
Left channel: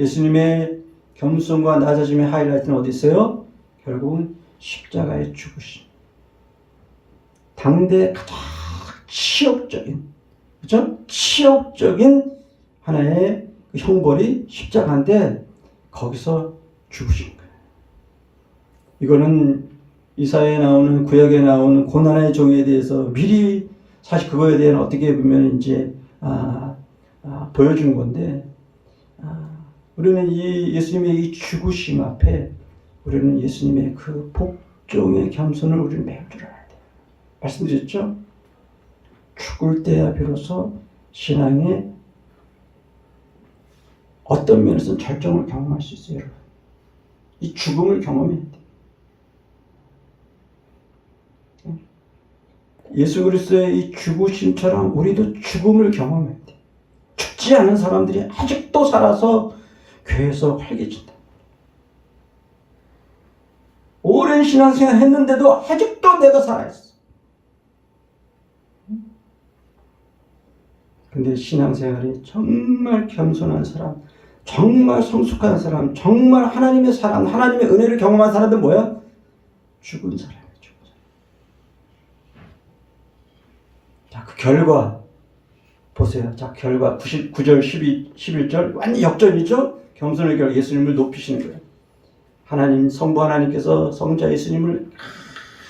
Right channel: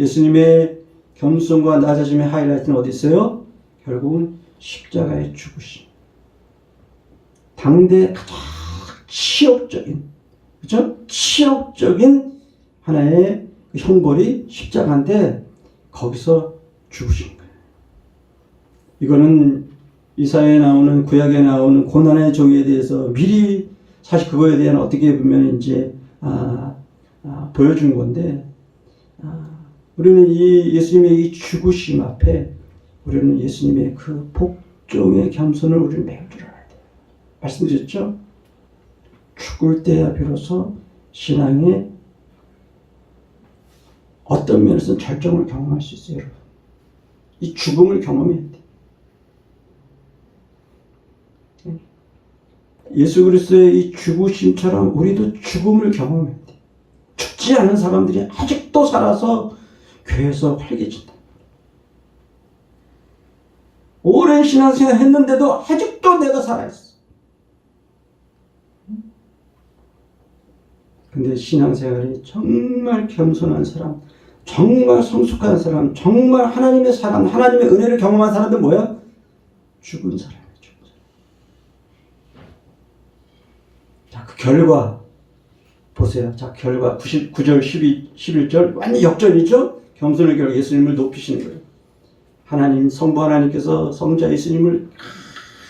예수님의 겸손과 낮아짐의 하이라이트는 어디 있어요? 결국은 십자가에 죽으심. 당대 가장 치욕적인, 그렇죠? 치욕적인 하나의 그 형벌이 십자가인데 거기서 죽으신 거예요. 이거는 이사야에 나오는 구약에 나오는 고난의 종에 대해서 미리 사실 그거에 대한 어떻게 보면 이제 보여준 건데 우리는 이 예수님의 이 죽으심 앞에 우리는 예수님의 그 복종의 겸손을 우리는 매우 들어야 돼요. 말씀드렸죠? 죽을 때야 비로소 신앙의 어떤 면에서는 절정을 경험할 수 있어요. 여러분. 이 죽음을 경험해야 돼요. 예수 그리스도의 이 죽으심처럼 우리도 죽음을 경험해야 돼요. 죽지 않은 사람들이 아직도 살아서 교회에서 활개친다. 오랜 신앙생활 했는데도 아직도 내가 살아있어. 근데 신앙생활이 정말 겸손한 사람, 정말 성숙한 사람, 정말 하나님의 사랑, 하나님의 은혜를 경험한 사람들 뭐야? 죽은 사람이에요. 죽은 사람. 자, 그 결과 보세요. 자, 결과 9절, 11절 완전 역전이죠? 겸손의 결과 예수님을 높이시는 거예요. 하나님, 성부 하나님께서 성자 예수님을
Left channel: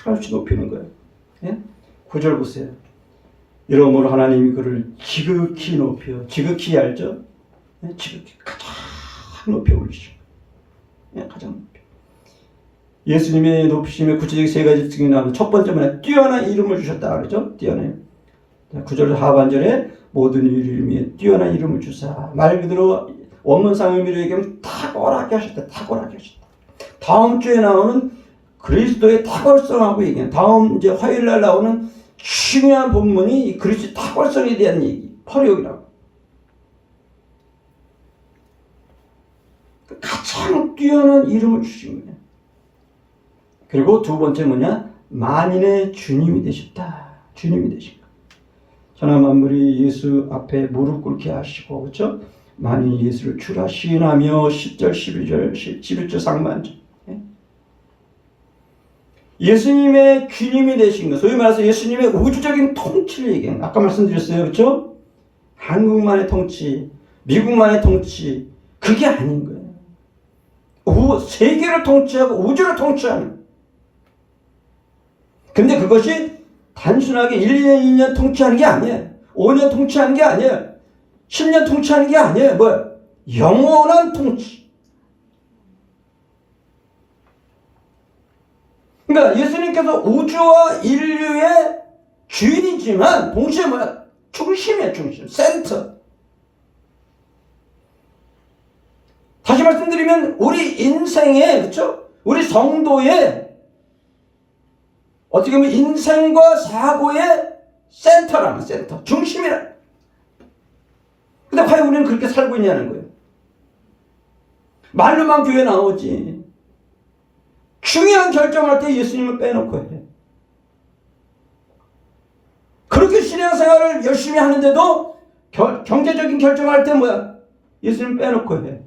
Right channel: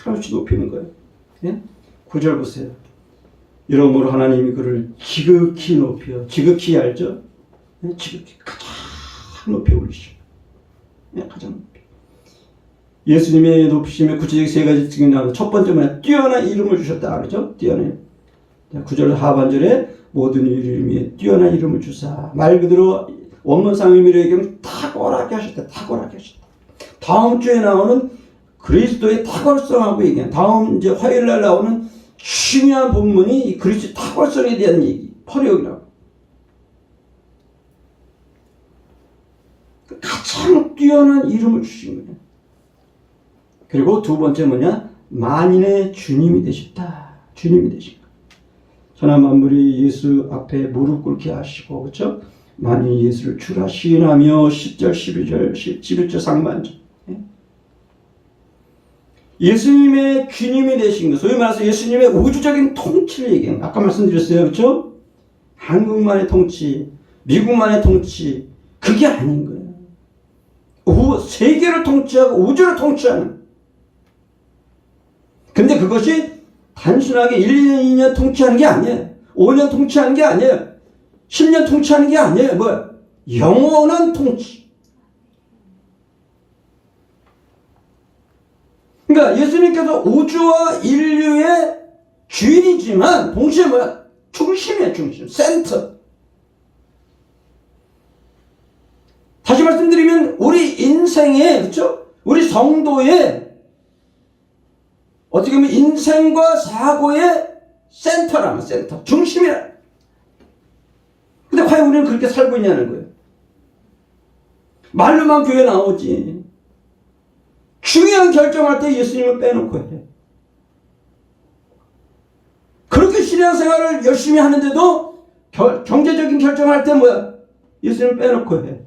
하나씩 높이는 거예요. 예? 9절 보세요. 이러므로 하나님이 그를 지극히 높여, 지극히 알죠? 예? 지극히 가장 높여 올리시고, 예? 가장 높여. 예수님의 높이심의 구체적 세 가지 특징이 나오고 첫 번째는 뛰어난 이름을 주셨다 그러죠? 뛰어난. 9절 하반절에 모든 이름에 뛰어난 이름을 주사. 말 그대로 원문상 의미로 얘기하면 탁월하게 하셨다. 탁월하게 하셨다. 다음 주에 나오는 그리스도의 탁월성하고 얘기한 다음 이제 화요일 날 나오는 중요한 본문이 이 그리스도의 탁월성에 대한 얘기. 퍼레오기라고. 가장 뛰어난 이름을 주신 거예요. 그리고 두 번째 뭐냐? 만인의 주님이 되셨다. 주님이 되신 거예요. 천하 만물이 예수 앞에 무릎 꿇게 하시고, 그렇죠? 만인이 예수를 주라 시인하며 10절, 12절, 11절 상반절. 예수님의 주님이 되신 것, 소위 말해서 예수님의 우주적인 통치를 얘기합니다. 아까 말씀드렸어요. 그렇죠? 한국만의 통치, 미국만의 통치, 그게 아닌 거예요. 세계를 통치하고 우주를 통치하는. 근데 그것이 단순하게 1, 2년, 2년 통치하는 게 아니에요. 5년 통치하는 게 아니에요. 10년 통치하는 게 아니에요. 뭐야? 영원한 통치. 그러니까 예수님께서 우주와 인류의 주인이지만 동시에 뭐야? 중심이에요. 중심. 센터. 다시 말씀드리면 우리 인생의, 그렇죠? 우리 성도의 어떻게 보면 인생과 사고의 센터라면 센터. 중심이라. 근데 과연 우리는 그렇게 살고 있냐는 거예요. 말로만 교회 나오지. 중요한 결정할 때 예수님을 빼놓고 해. 그렇게 신앙생활을 열심히 하는데도 경제적인 결정할 때 뭐야? 예수님을 빼놓고 해.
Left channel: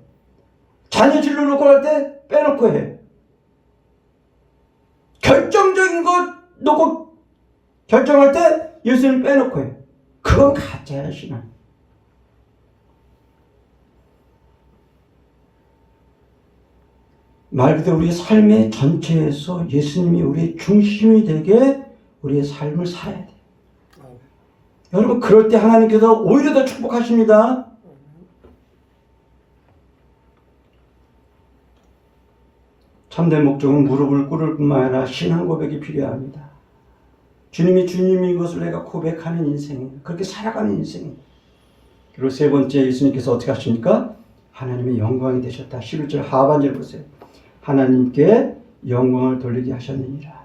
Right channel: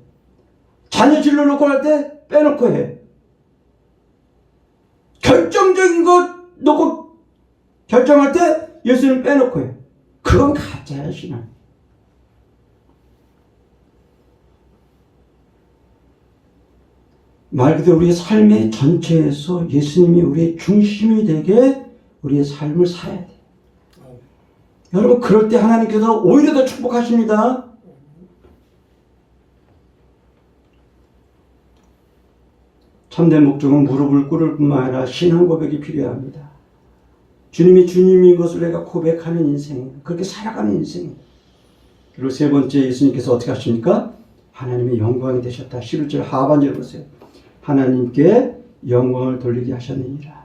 자녀 진로놓고 할 때 빼놓고 해. 결정적인 것 놓고 결정할 때 예수님 빼놓고 해. 그건 가짜야, 신앙. 말 그대로 우리의 삶의 전체에서 예수님이 우리의 중심이 되게 우리의 삶을 살아야 돼. 여러분, 그럴 때 하나님께서 오히려 더 축복하십니다. 참된 목적은 무릎을 꿇을 뿐만 아니라 신앙 고백이 필요합니다. 주님이 주님인 것을 내가 고백하는 인생이에요. 그렇게 살아가는 인생이에요. 그리고 세 번째, 예수님께서 어떻게 하십니까? 하나님의 영광이 되셨다. 11절 하반절 보세요. 하나님께 영광을 돌리게 하셨느니라.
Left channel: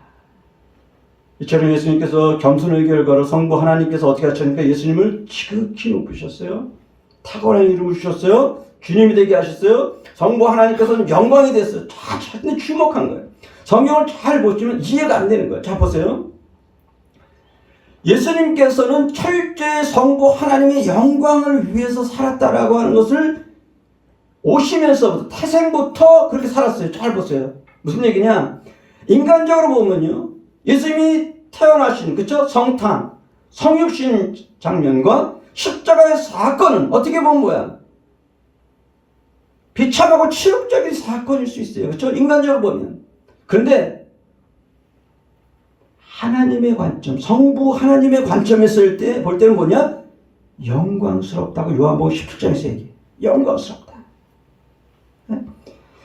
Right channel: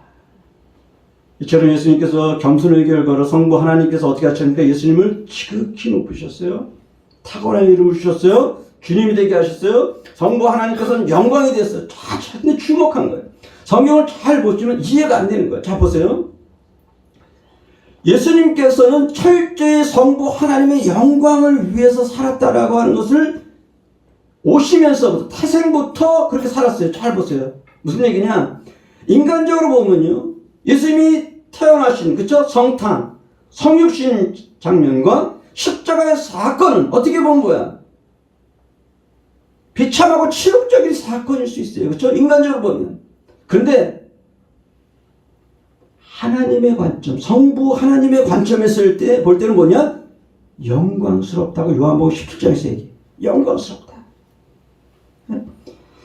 이처럼 예수님께서 겸손의 결과로 성부 하나님께서 어떻게 하셨습니까? 예수님을 지극히 높으셨어요. 탁월한 이름을 주셨어요. 주님이 되게 하셨어요. 성부 하나님께서는 영광이 됐어요. 자신이 주목한 거예요. 성경을 잘 보시면 이해가 안 되는 거예요. 자, 보세요. 예수님께서는 철저히 성부 하나님의 영광을 위해서 살았다라고 하는 것을 오시면서부터 태생부터 그렇게 살았어요. 잘 보세요. 무슨 얘기냐? 인간적으로 보면요, 예수님이 태어나신, 그쵸? 성탄, 성육신 장면과 십자가의 사건은 어떻게 보면 뭐야? 비참하고 치욕적인 사건일 수 있어요. 그쵸? 인간적으로 보면. 그런데 하나님의 관점, 성부 하나님의 관점에서 볼 때는 뭐냐? 영광스럽다고 요한복음 17장에서 얘기해요. 영광스럽다.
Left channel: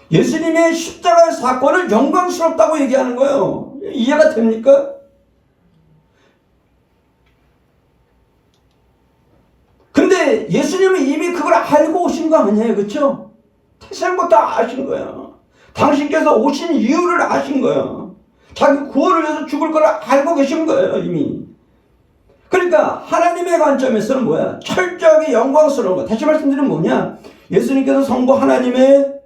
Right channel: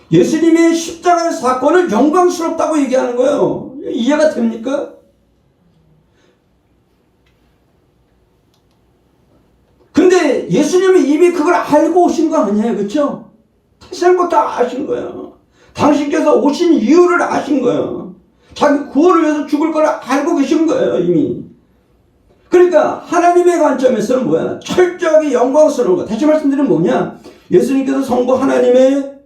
예수님의 십자가의 사건을 영광스럽다고 얘기하는 거예요. 이해가 됩니까? 근데 예수님은 이미 그걸 알고 오신 거 아니에요. 그렇죠? 태생부터 아신 거예요. 당신께서 오신 이유를 아신 거예요. 자기 구원을 위해서 죽을 걸 알고 계신 거예요. 이미. 그러니까 하나님의 관점에서는 뭐야? 철저하게 영광스러운 거. 다시 말씀드리면 뭐냐? 예수님께서 성부 하나님의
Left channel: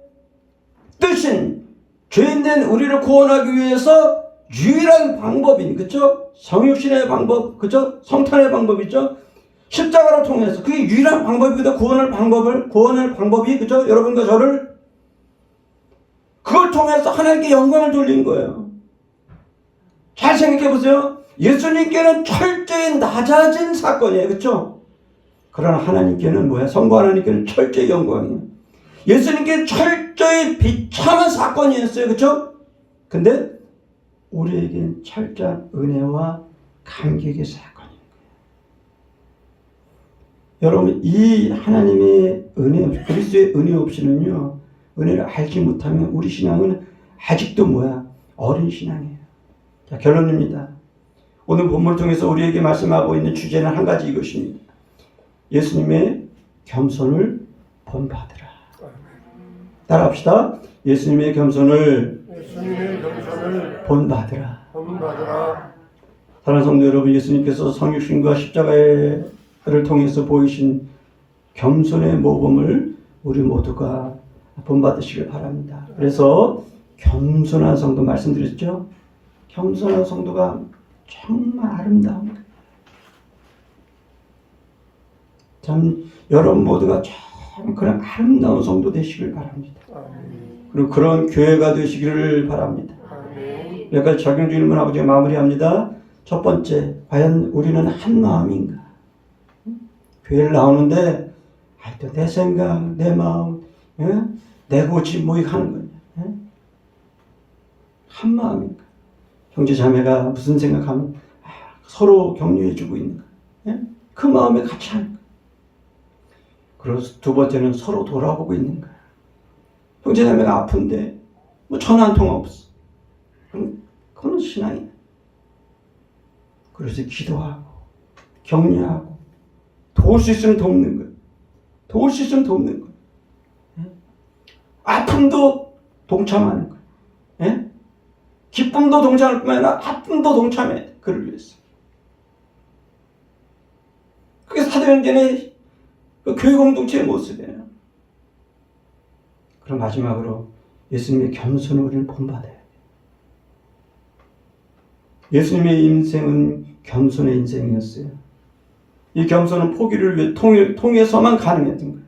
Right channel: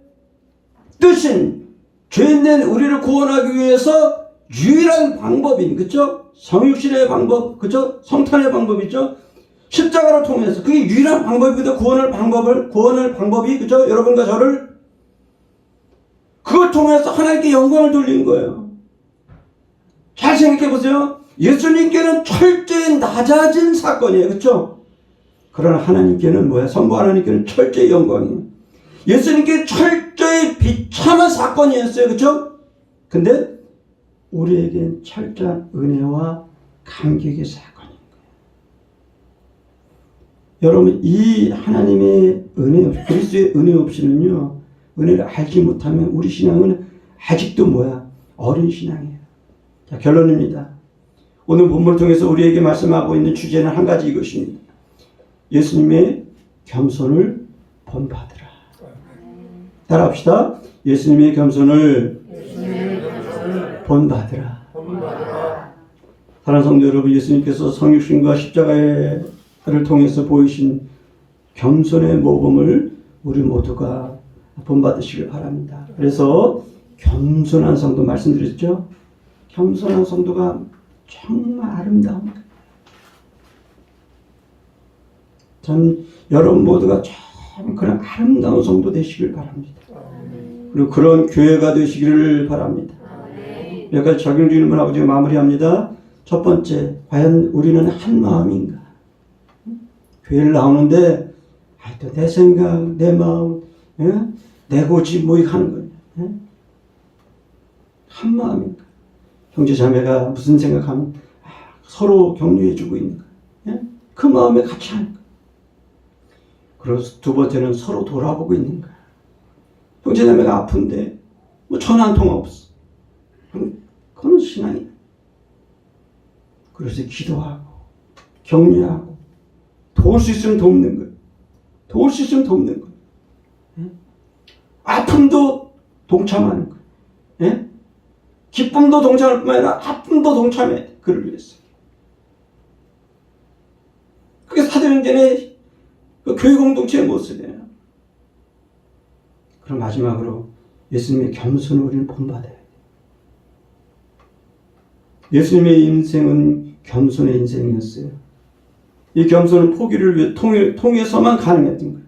뜻인 죄인된 우리를 구원하기 위해서 유일한 방법인, 그쵸? 성육신의 방법, 그쵸? 성탄의 방법이죠? 십자가로 통해서 그게 유일한 방법이다. 구원의 방법이, 그쵸? 여러분과 저를 그걸 통해서 하나님께 영광을 돌린 거예요. 잘 생각해 보세요. 예수님께는 철저히 낮아진 사건이에요. 그쵸? 그러나 하나님께는 뭐야? 성부 하나님께는 철저히 영광이에요. 예수님께 철저히 비참한 사건이었어요. 그쵸? 근데 우리에겐 철저한 은혜와 감격의 사건인 거예요. 여러분, 이 하나님의 은혜, 그리스도의 은혜 없이는요, 은혜를 알지 못하면 우리 신앙은 아직도 뭐야? 어린 신앙이에요. 자, 결론입니다. 오늘 본문을 통해서 우리에게 말씀하고 있는 주제는 한 가지 이것입니다. 예수님의 겸손을 본받으라. 따라합시다. 예수님의 겸손을 본받으라. 사랑하는 성도 여러분, 예수님께서 성육신과 십자가를 통해서 보이신 겸손의 모범을 우리 모두가 본받으시길 바랍니다. 그래서 겸손한 성도 말씀드렸죠? 겸손한 성도가 정말 아름다운 거예요. 전 여러분 모두가 참 그런 아름다운 성도 되시길 바랍니다. 그리고 그런 교회가 되시기를 바랍니다. 몇 가지 적용 질문하고 제가 마무리합니다. 첫 번째, 과연 우리는 한 마음인가? 교회를 나오는데 하여튼 내 생각, 내 마음, 내 고집 뭐 이거 하는 거냐? 한 마음인가? 형제 자매가 무슨 생각하면 서로 격려해주고 있는가? 그 마음에 같이 하는가? 그리고 두 번째는 서로 돌아보고 있는가? 형제 자매가 아픈데 뭐 전화 한 통화 없어. 그건 신앙이다. 그래서 기도하고 격려하고 도울 수 있으면 돕는 거예요. 도울 수 있으면 돕는 거예요. 아픔도 동참하는 거예요. 기쁨도 동참할 뿐만 아니라 아픔도 동참해야 돼. 그를 위해서. 그게 사도행전의 그 교회 공동체의 모습이에요. 그럼 마지막으로 예수님의 겸손을 우리는 본받아야 돼. 예수님의 인생은 겸손의 인생이었어요. 이 겸손은 포기를 위해 통해서만 가능했던 거예요.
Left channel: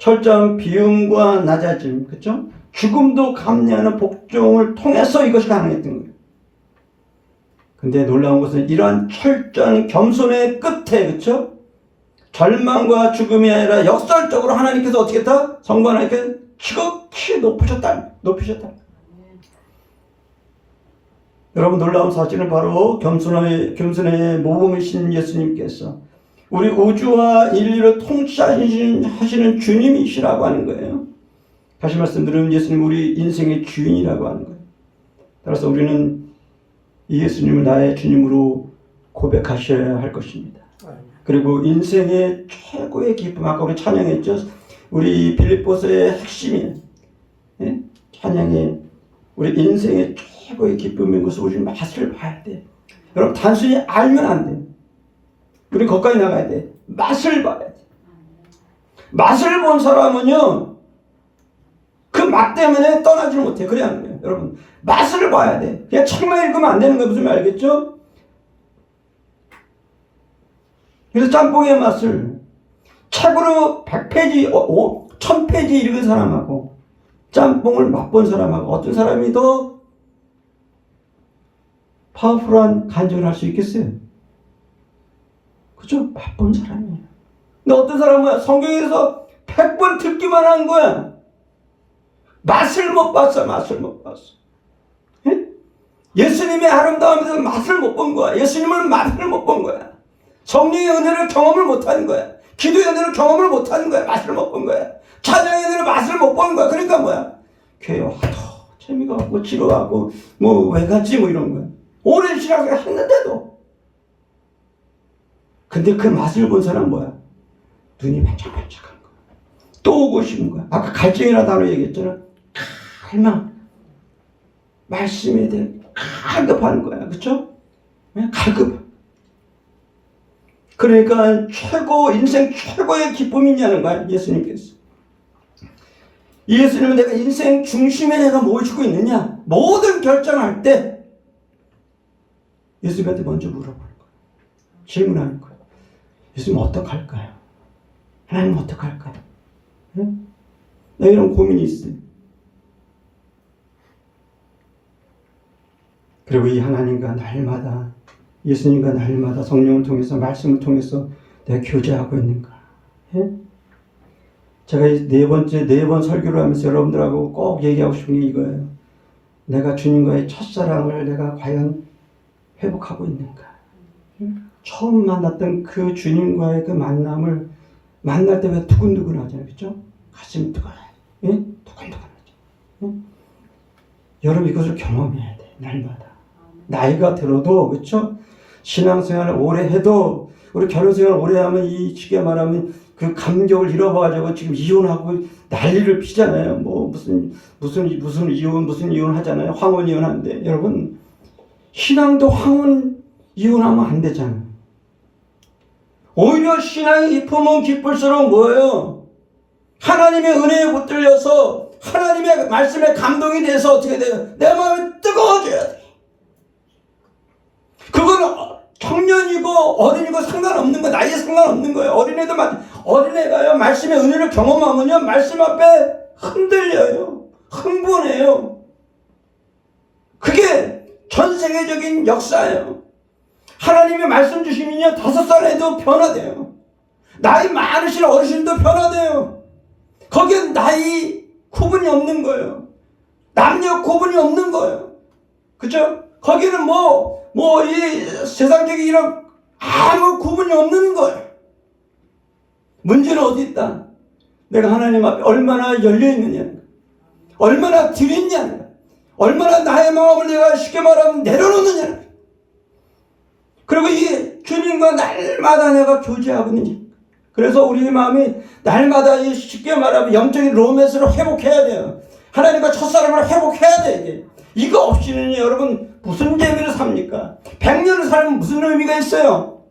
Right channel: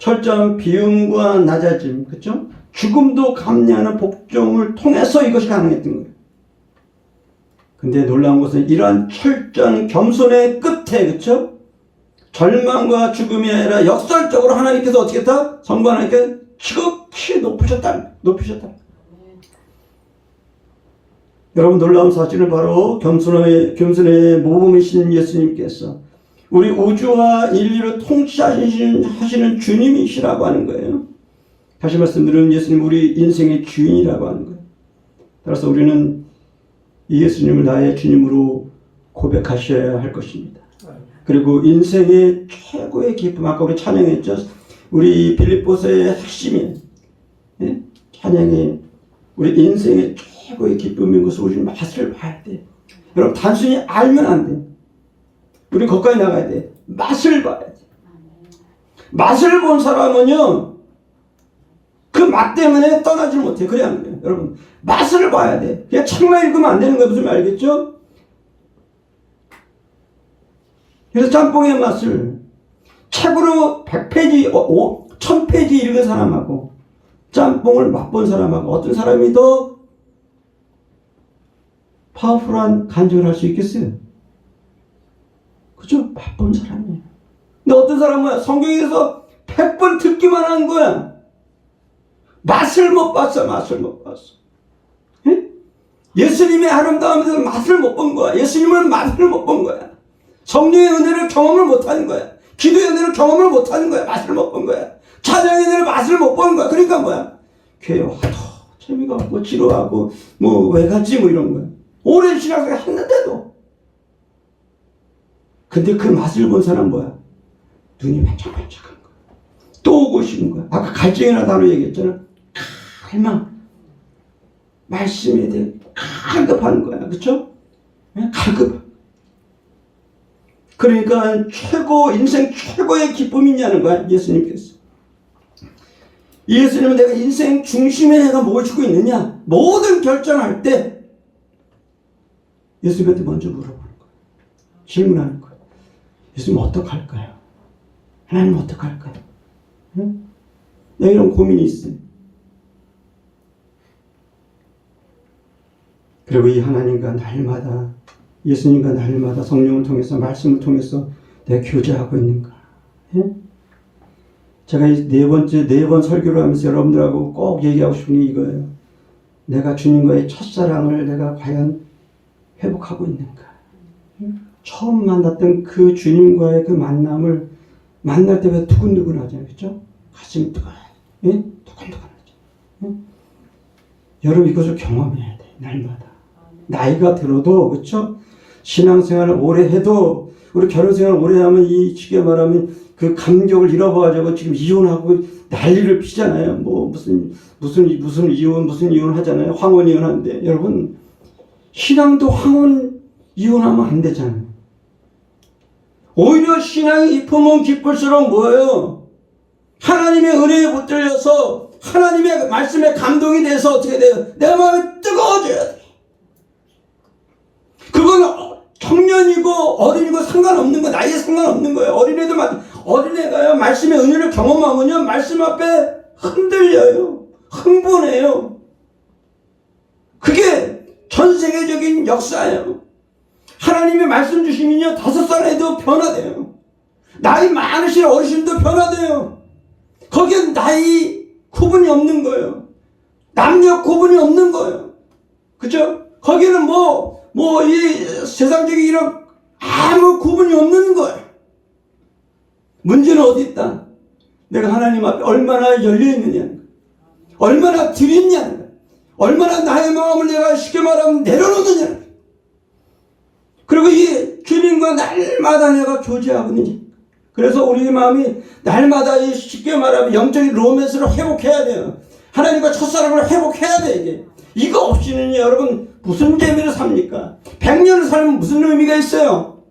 철저한 비움과 낮아짐, 그쵸? 죽음도 감내하는 복종을 통해서 이것이 가능했던 거예요. 근데 놀라운 것은 이러한 철저한 겸손의 끝에, 그쵸? 절망과 죽음이 아니라 역설적으로 하나님께서 어떻게 했다? 성부 하나님께 지극히 높으셨다. 여러분, 놀라운 사실은 바로 겸손의 모범이신 예수님께서 우리 우주와 인류를 통치하시는 주님이시라고 하는 거예요. 다시 말씀드리면 예수님 우리 인생의 주인이라고 하는 거예요. 따라서 우리는 이 예수님을 나의 주님으로 고백하셔야 할 것입니다. 그리고 인생의 최고의 기쁨, 아까 우리 찬양했죠. 우리 빌립보서의 핵심이에요. 예? 찬양의 우리 인생의 최고의 기쁨인 것을 우리 맛을 봐야 돼. 여러분, 단순히 알면 안 돼. 우리 거기까지 나가야 돼. 맛을 봐야 돼. 맛을 본 사람은요, 그 맛 때문에 떠나지 못해. 그래 안 그래요? 여러분, 맛을 봐야 돼. 그냥 책만 읽으면 안 되는 거예요. 무슨 말 알겠죠? 그래서 짬뽕의 맛을 책으로 100페이지, 1000페이지 읽은 사람하고 짬뽕을 맛본 사람하고 어떤 사람이 더 파워풀한 간증을 할 수 있겠어요? 그죠? 맛본 사람이에요. 근데 어떤 사람은 성경에서 100번 듣기만 하는 거야. 맛을 못 봤어. 예? 예수님의 아름다움에서 맛을 못 본 거야. 예수님은 맛을 못 본 거야. 성령의 은혜를 경험을 못 하는 거야. 기도의 은혜를 경험을 못 하는 거야. 맛을 못 본 거야. 찬양의 은혜를 맛을 못 보는 거야. 그러니까 뭐야? 교회 와도 재미가 없고 지루하고 뭐 왜 갔지 뭐 이런 거야. 오랜 신앙생활 했는데도. 근데 그 맛을 본 사람은 뭐야? 눈이 반짝반짝한 거야. 또 오고 싶은 거야. 아까 갈증이라는 단어 얘기했잖아. 갈망. 말씀에 대해 갈급하는 거야. 그쵸? 갈급. 그러니까 인생 최고의 기쁨이 있냐는 거야. 예수님께서. 예수님은 내가 인생 중심에 내가 뭘 주고 있느냐? 모든 결정할 때 예수님한테 먼저 물어보는 거야. 질문하는 거야. 예수님 어떡할까요? 하나님 어떡할까요? 응? 나 이런 고민이 있어요. 그리고 이 하나님과 날마다 예수님과 날마다 성령을 통해서 말씀을 통해서 내가 교제하고 있는가? 예? 제가 이 네 번 설교를 하면서 여러분들하고 꼭 얘기하고 싶은 게 이거예요. 내가 주님과의 첫사랑을 내가 과연 회복하고 있는가? 처음 만났던 그 주님과의 그 만남을 만날 때 왜 두근두근하잖아요. 그렇죠? 가슴이 두근두근하죠. 여러분 이것을 경험해야 돼. 날마다. 나이가 들어도 그렇죠? 신앙생활을 오래 해도 우리 결혼생활을 오래 하면 이 쉽게 말하면 그 감격을 잃어버려가지고 지금 이혼하고 난리를 피잖아요. 뭐 무슨 이혼 하잖아요. 황혼 이혼하는데 여러분 신앙도 황혼 이혼하면 안 되잖아요. 오히려 신앙이 깊으면 깊을수록 뭐예요? 하나님의 은혜에 붙들려서 하나님의 말씀에 감동이 돼서 어떻게 돼요? 내 마음이 뜨거워져야 돼. 그건 청년이고 어린이고 상관없는 거예요. 나이에 상관없는 거예요. 어린애가요 말씀의 은혜를 경험하면요 말씀 앞에 흔들려요. 흥분해요. 그게 전 세계적인 역사예요. 하나님의 말씀 주시면요 5살에도 변화돼요. 나이 많으신 어르신도 변화돼요. 거기엔 나이 구분이 없는 거예요. 남녀 구분이 없는 거예요. 그죠? 거기는 이 세상적인 이런 아무 구분이 없는 거예요. 문제는 어디 있다? 내가 하나님 앞에 얼마나 열려있느냐, 얼마나 드리냐, 얼마나 나의 마음을 내가 쉽게 말하면 내려놓느냐, 그리고 이 주님과 날마다 내가 교제하고 있느냐. 그래서 우리 마음이 날마다 이 쉽게 말하면 영적인 로맨스를 회복해야 돼요. 하나님과 첫사랑을 회복해야 돼. 이거 없이는 여러분 무슨 재미를 삽니까? 100년을 살면 무슨 의미가 있어요?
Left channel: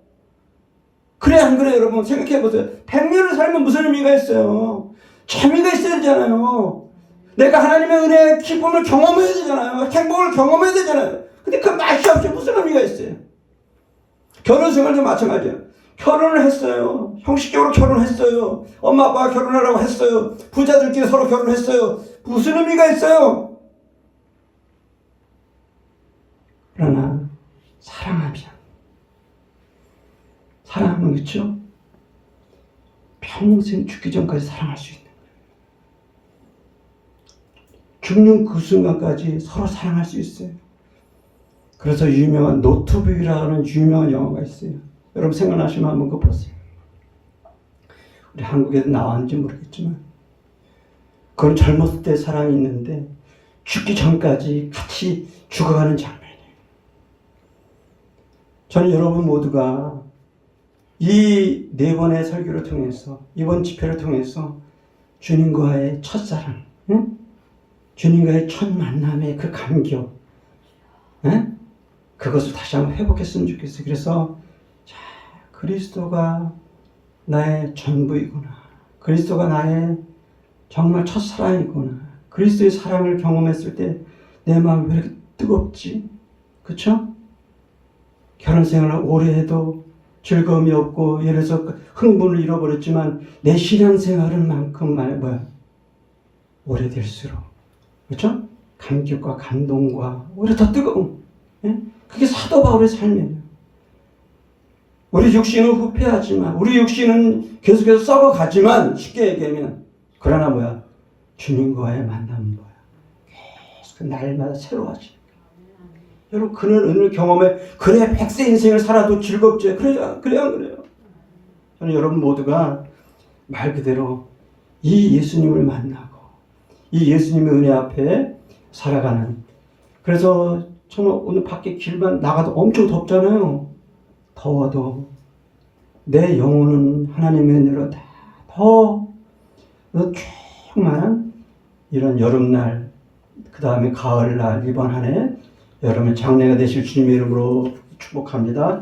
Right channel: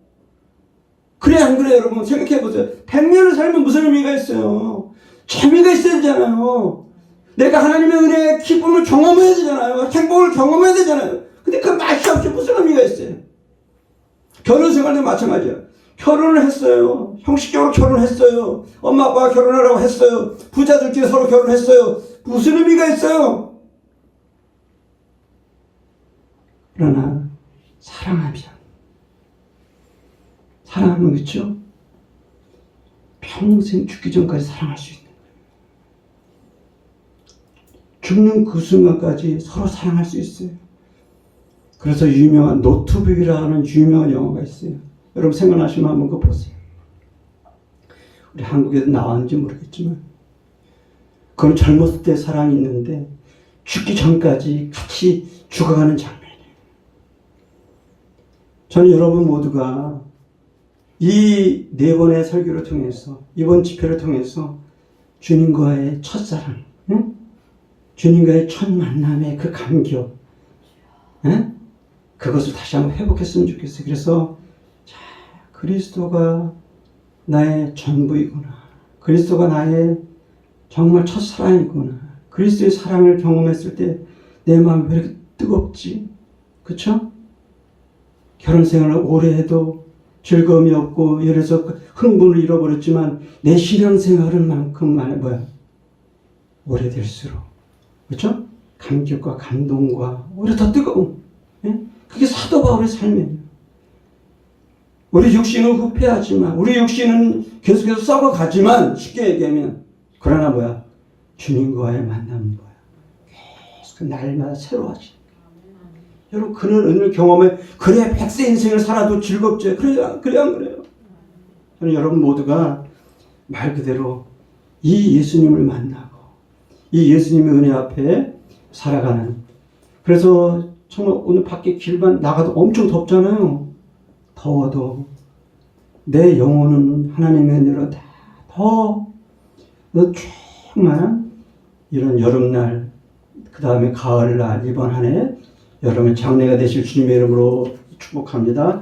그래 안 그래 여러분 생각해 보세요. 100년을 살면 무슨 의미가 있어요? 재미가 있어야 되잖아요. 내가 하나님의 은혜의 기쁨을 경험해야 되잖아요. 행복을 경험해야 되잖아요. 근데 그 맛이 없이 무슨 의미가 있어요? 결혼 생활도 마찬가지예요. 결혼을 했어요. 형식적으로 결혼했어요. 엄마 아빠가 결혼하라고 했어요. 부자들끼리 서로 결혼했어요. 무슨 의미가 있어요? 그러나 사랑하면 그렇죠? 평생 죽기 전까지 사랑할 수 있는 거예요. 죽는 그 순간까지 서로 사랑할 수 있어요. 그래서 유명한 노트북이라는 유명한 영화가 있어요. 여러분 생각나시면 한번 그거 보세요. 우리 한국에도 나왔는지 모르겠지만 그건 젊었을 때 사랑이 있는데 죽기 전까지 같이 죽어가는 장면이에요. 저는 여러분 모두가 이 네 번의 설교를 통해서 이번 집회를 통해서 주님과의 첫사랑, 응? 주님과의 첫 만남의 그 감격, 응? 그것을 다시 한번 회복했으면 좋겠어요. 그래서 자, 그리스도가 나의 전부이구나. 그리스도가 나의 정말 첫사랑이구나. 그리스도의 사랑을 경험했을 때 내 마음이 왜 이렇게 뜨겁지? 그쵸? 결혼 생활을 오래 해도 즐거움이 없고 예를 들어서 흥분을 잃어버렸지만 내 신앙생활은 만큼 오래될수록 그렇죠? 감격과 감동과 오히려 더 뜨거움. 예? 그게 사도 바울의 삶이에요. 우리 육신은 후패하지만 우리 육신은 계속해서 썩어가지만 쉽게 얘기하면 그러나 주님과의 만남은 계속 날마다 새로워지. 여러분 그런 은혜를 경험해 그래 100세 인생을 살아도 즐겁지. 그래 안 그래요? 저는 여러분 모두가 말 그대로 이 예수님을 만나고 이 예수님의 은혜 앞에 살아가는. 그래서 정말 오늘 밖에 길만 나가도 엄청 덥잖아요. 더워도 내 영혼은 하나님의 은혜로 더 정말 이런 여름날 그 다음에 가을날 이번 한 해 여러분 장래가 되실 주님의 이름으로 축복합니다.